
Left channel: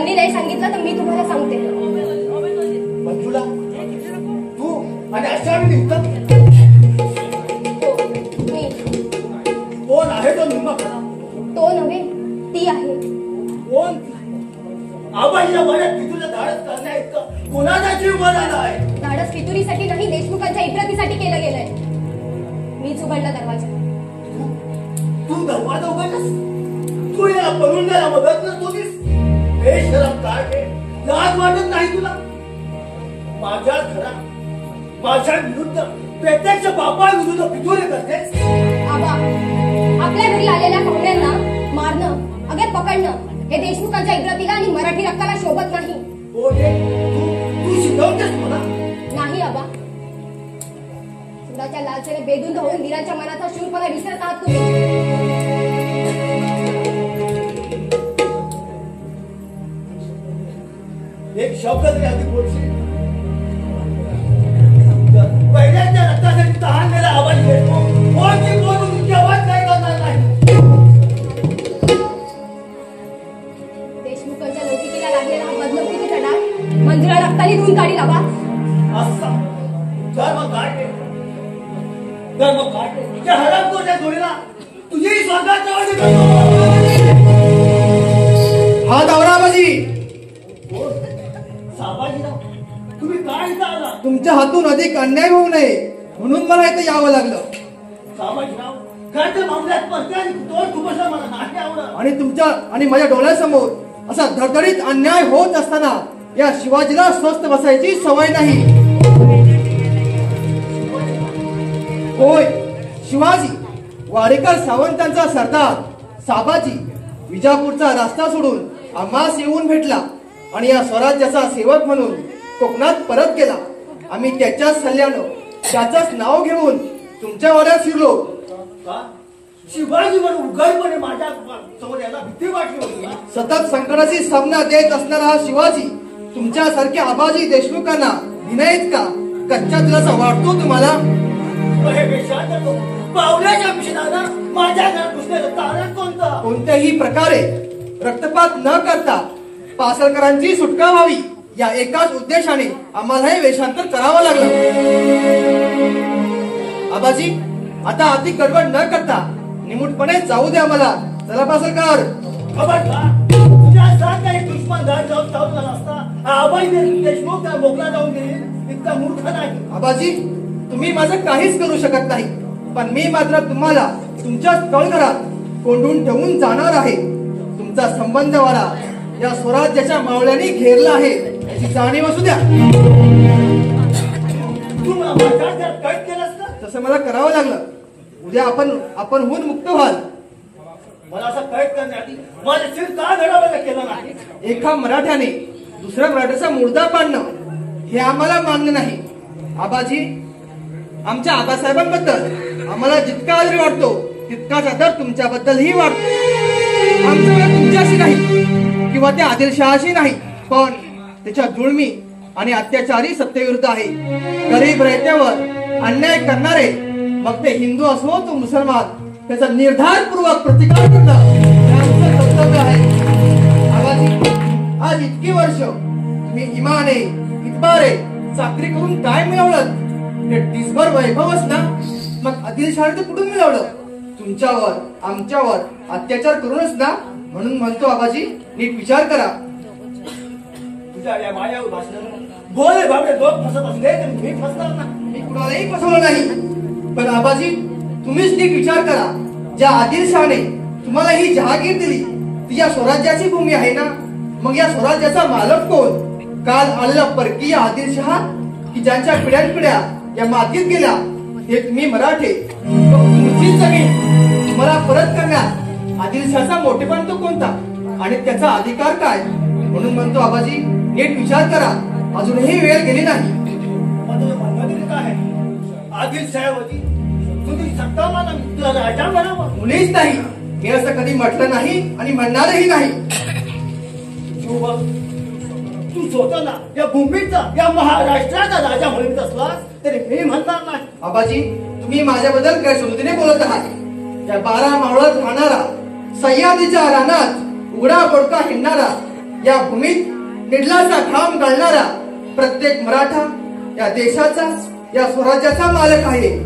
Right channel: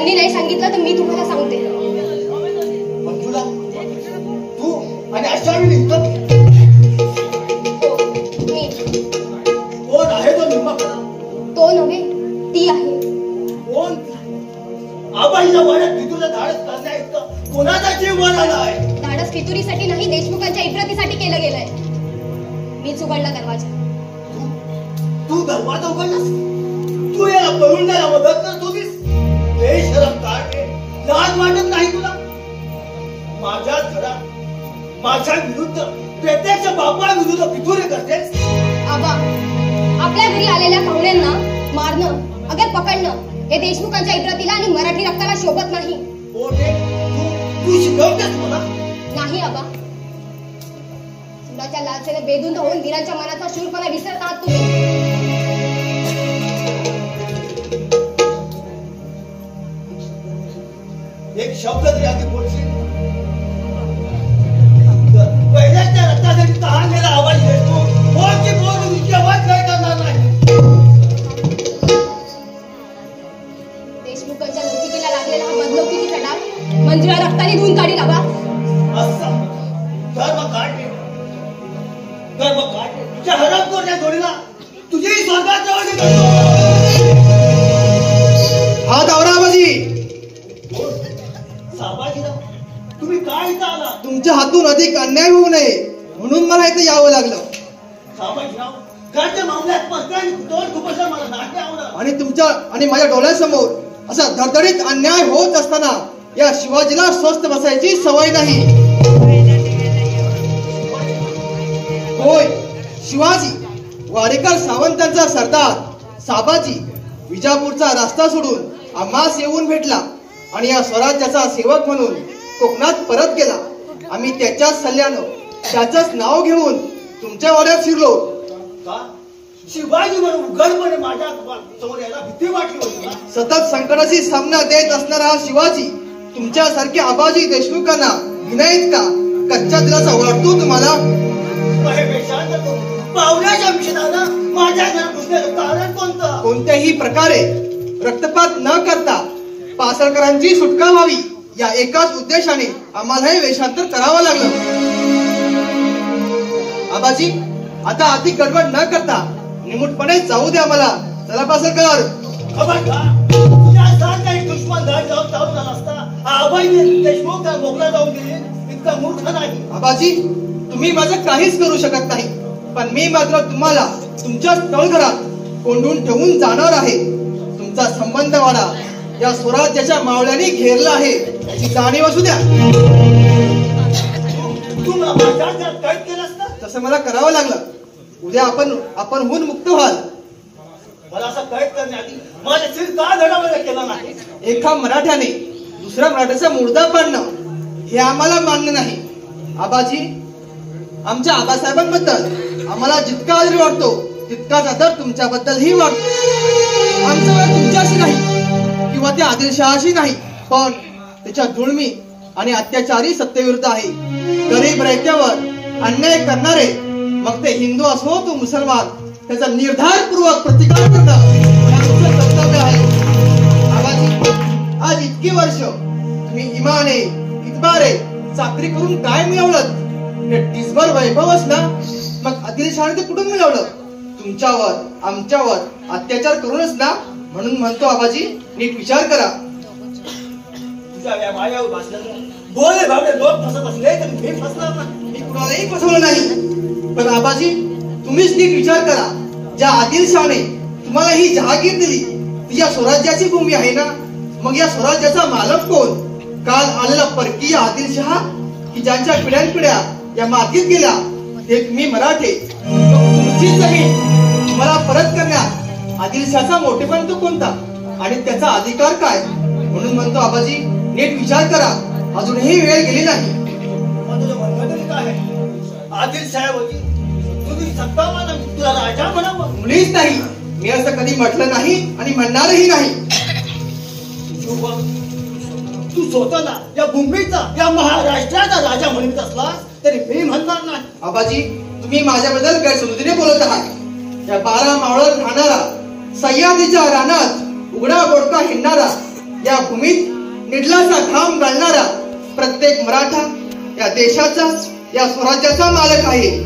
त्यांनी नाही सांगितलं तर मी तुम्हाला सांगते. मंजुळा, तू आणि अश्वानी निघतात. मी कोण आहे तो निम्मा खरा? तो नव्हे, ती आहे. कोण ती? आबाईच्या वाड्यात पितूला धाडस करण्या इतकं कोणाचा जीव वर आलाय? धाडस फितुरीसाठी नाही, देशमुखांच्या इफ्रातीसाठी केलं गेलंय. मीच उघडला दरवाजा. तू दरवाजा उघडलास? तू या परुंडाला मदत करत होतीस? बेशरम काय लाज वाटत नाही तुला? माझ्या घरात माझ्या विरुद्ध प्रत्यक्ष बापा विरुद्ध पितुरे करतेस? आबा, आपल्या घरी आलेल्या पाहुण्यांना मारणं अगर पकडणं हे देशमुखांच्या इफ्रातीला आणि मराठी रक्ताला शोभत नाही. ओढे, तू शिकवतेस मला? नाही आबा, सुराच्या लालसेने बेधुंद होऊन वीरांच्या मनाचा शूरपणा विसरत आहात तुम्ही. एक शब्द तरी आधी बोलशील? पहिल्याच्या रक्तासाठी तहानलेला आवाज देतो. कोणची बोलून केव्हा काय करणार नाही. देशमुखांच्या लौकिकीला लागलेला हा बदलौकिकीचा डाग मंजुळा रक्ताने धुवून काढील आबा. असा धर्म काढले, धर्म काढले. त्या हरामखोरच्या जोडीला तुझी स्वर्गात जवळ करतो. हा दावराबाजी, साबाजीराव, तुम्ही काय इथं आला? तुमच्या हातून अधिक अन्याय होऊ नये म्हणून मला इथे यावं लागलं. साबाजीराव, घरच्या मामल्यात पस्त्याने तोड खुपसला मला नाही आवडत. आणि तुमच्या आणि माझ्या डोळ्यासमोर असा धडधडीत अन्याय होत असताना या शिवाजीला स्वस्थ बसायची सवय नाही. होय, शिवाजी वाडेकर सावंतांचा सरदार साबाजी विजापूरचा रस्ता सोडून आम्हास येऊन भेटला आणि या स्वराज्याचा सेवक म्हणून कोकणात परत गेला. आम्ही त्याच्याच सल्ल्यानं त्याचंच नाव घेऊन तुमच्या वाड्यात शिरलो. का? शिवाजी म्हणून उघडपणे माझ्या समोर याला भीती वाटली होती ना? सतत संकटाशी सामना देत असणारा हा शिवाजी तुमच्यासारख्या आबाजी देशमुखांना विनयित का कच्च्या दिलासा वाटतो तुम्हाला? हे बेशान करतो. पावल्याच्या मिशनानं माझ्या घरात घुसण्याचं कारण कोणतं? कोणत्याही प्रकारे रक्तपात न करता पासळकरांची सुटका व्हावी या एकाच उद्देशाने आम्हाला हे वेषांतर करावं लागलं. आबाजी, आता अति गडबड न करता निमूटपणे जाऊ द्या मला. चला पासळकर. खबरदार, तुझ्या साथ काही दुश्मन घाट जाऊन चालू झाला असता आबाई देशमुख त्या मोकळा जाऊन गेले इतका मूर्ख नाही. आबाजी, तुम्ही माझं काहीच करू शकत नाही, पण मी मात्र तुम्हाला तुमच्या तळघरात कोंडून ठेवून जाणार आहे. तुमचा संबंध मला या स्वराज्याच्या मावळ्यांनी घेरला आहे याची जाणीव असू द्या. तू मला माझ्या घरात कैद केलं असतं? तसं मला करावं लागलं. उद्या आपण होऊन मुक्त व्हाल. मला असं कैद करण्याआधी माझे सिर का घडावं केलं नाही? एका मराठ्याने दुसऱ्या मराठ्याचा मुर्दा पाडणं हे आम्हाला मान्य नाही. आबाजी, आमच्या आबासाहेबांबद्दल आम्हाला जितका आदर वाटतो तितकाच आदर तुमच्याबद्दलही वाटतो. आमचं वाद तुमच्याशी नाही किंवा त्या आदिलशहाशी नाही, पण त्याच्या जुळमी आणि अत्याचारी सत्तेविरुद्ध आहे. गरीब रयत्यावर अन्याय करणारे, मग ते हिंदू असो तो मुसलमान, त्याचा निर्धारपूर्वक प्रतिकार करणं हे आमचं कर्तव्य आहे. आबाजी, आज इतकी वर्ष तुम्ही इमाने इतबारे चाकरी करून काय मिळवलं? ते दिसभर वैभवच ना. मग आदिलशहाने ते कुठून मिळवलं? तुमच्यावर आमच्यावर अत्याचार करूनच ना. म्हणून म्हणतो आबाजी, नीट विचार करा. तुझ्या या मायावर भासण्यानं भोळे भावडे लोक फसत असले तरी मी फसणार नाही. मी कुणालाही फसवलं नाही, पण आबाजी तुम्हीच नीट विचार करा. ज्या आदिलशहाने तुम्हाला ही जहागीर दिली ती या स्वराज्याची भूमी आहे ना. मग या स्वराज्याचा मालक कोण? काल आलेला परकीय आदिलशहा की ज्यांच्या पिढ्यानपिढ्या या मातीत गेल्या ते तुम्ही मराठे. तुमची जमीन तुम्हाला परत करण्यात आदिलशहाचा मोठेपण तो कोणता आणि त्याचा अधिकार काय? म्हणून म्हणतो आबाजी, नीट विचार करा. अजूनही वेळ गेली नाही. मग तुझं म्हणणं काय आहे? आदिलशाहीवरती तुझी सत्ता मला तुला राजा बनावं? मुळीच नाही. मी असं कधी म्हटलं नाही आणि म्हणणारही नाही. तू स्वतःला या भूमीचा या महाराष्ट्राचा राजा म्हणत असलास तरी मी म्हणणार नाही. आबाजी, तुम्ही माझ्याबद्दल गैरसमजुतीने बोलत आहात. या 12 मावळात राहणारा, सह्याद्रीच्या रानात उघडा बोडका हिंडणारा, या भूमीत निर्लाचा घाम घालणारा प्रत्येक मराठा या देशाचा, या स्वराज्याचा मालक आहे.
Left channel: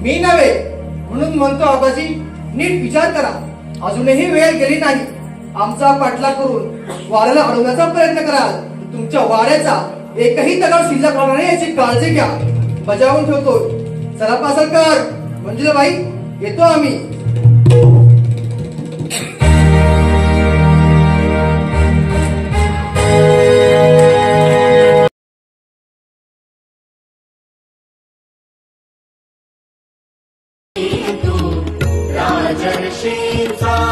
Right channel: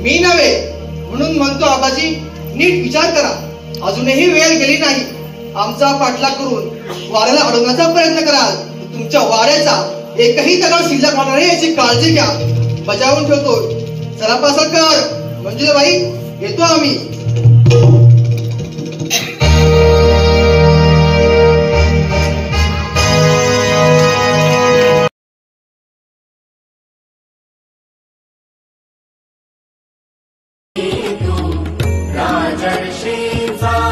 मी नव्हे. म्हणून म्हणतो आबाजी, नीट विचार करा. अजूनही वेळ गेली नाही. आमचा पाठलाग करून वाऱ्याला अडवण्याचा प्रयत्न कराल. तुमच्या वाऱ्याचा एकही दगड शिल्लक होणार नाही याची काळजी घ्या. बजावून ठेवतो. सराफा सरकार, मंजुलाबाई, येतो आम्ही. राजर्षींचा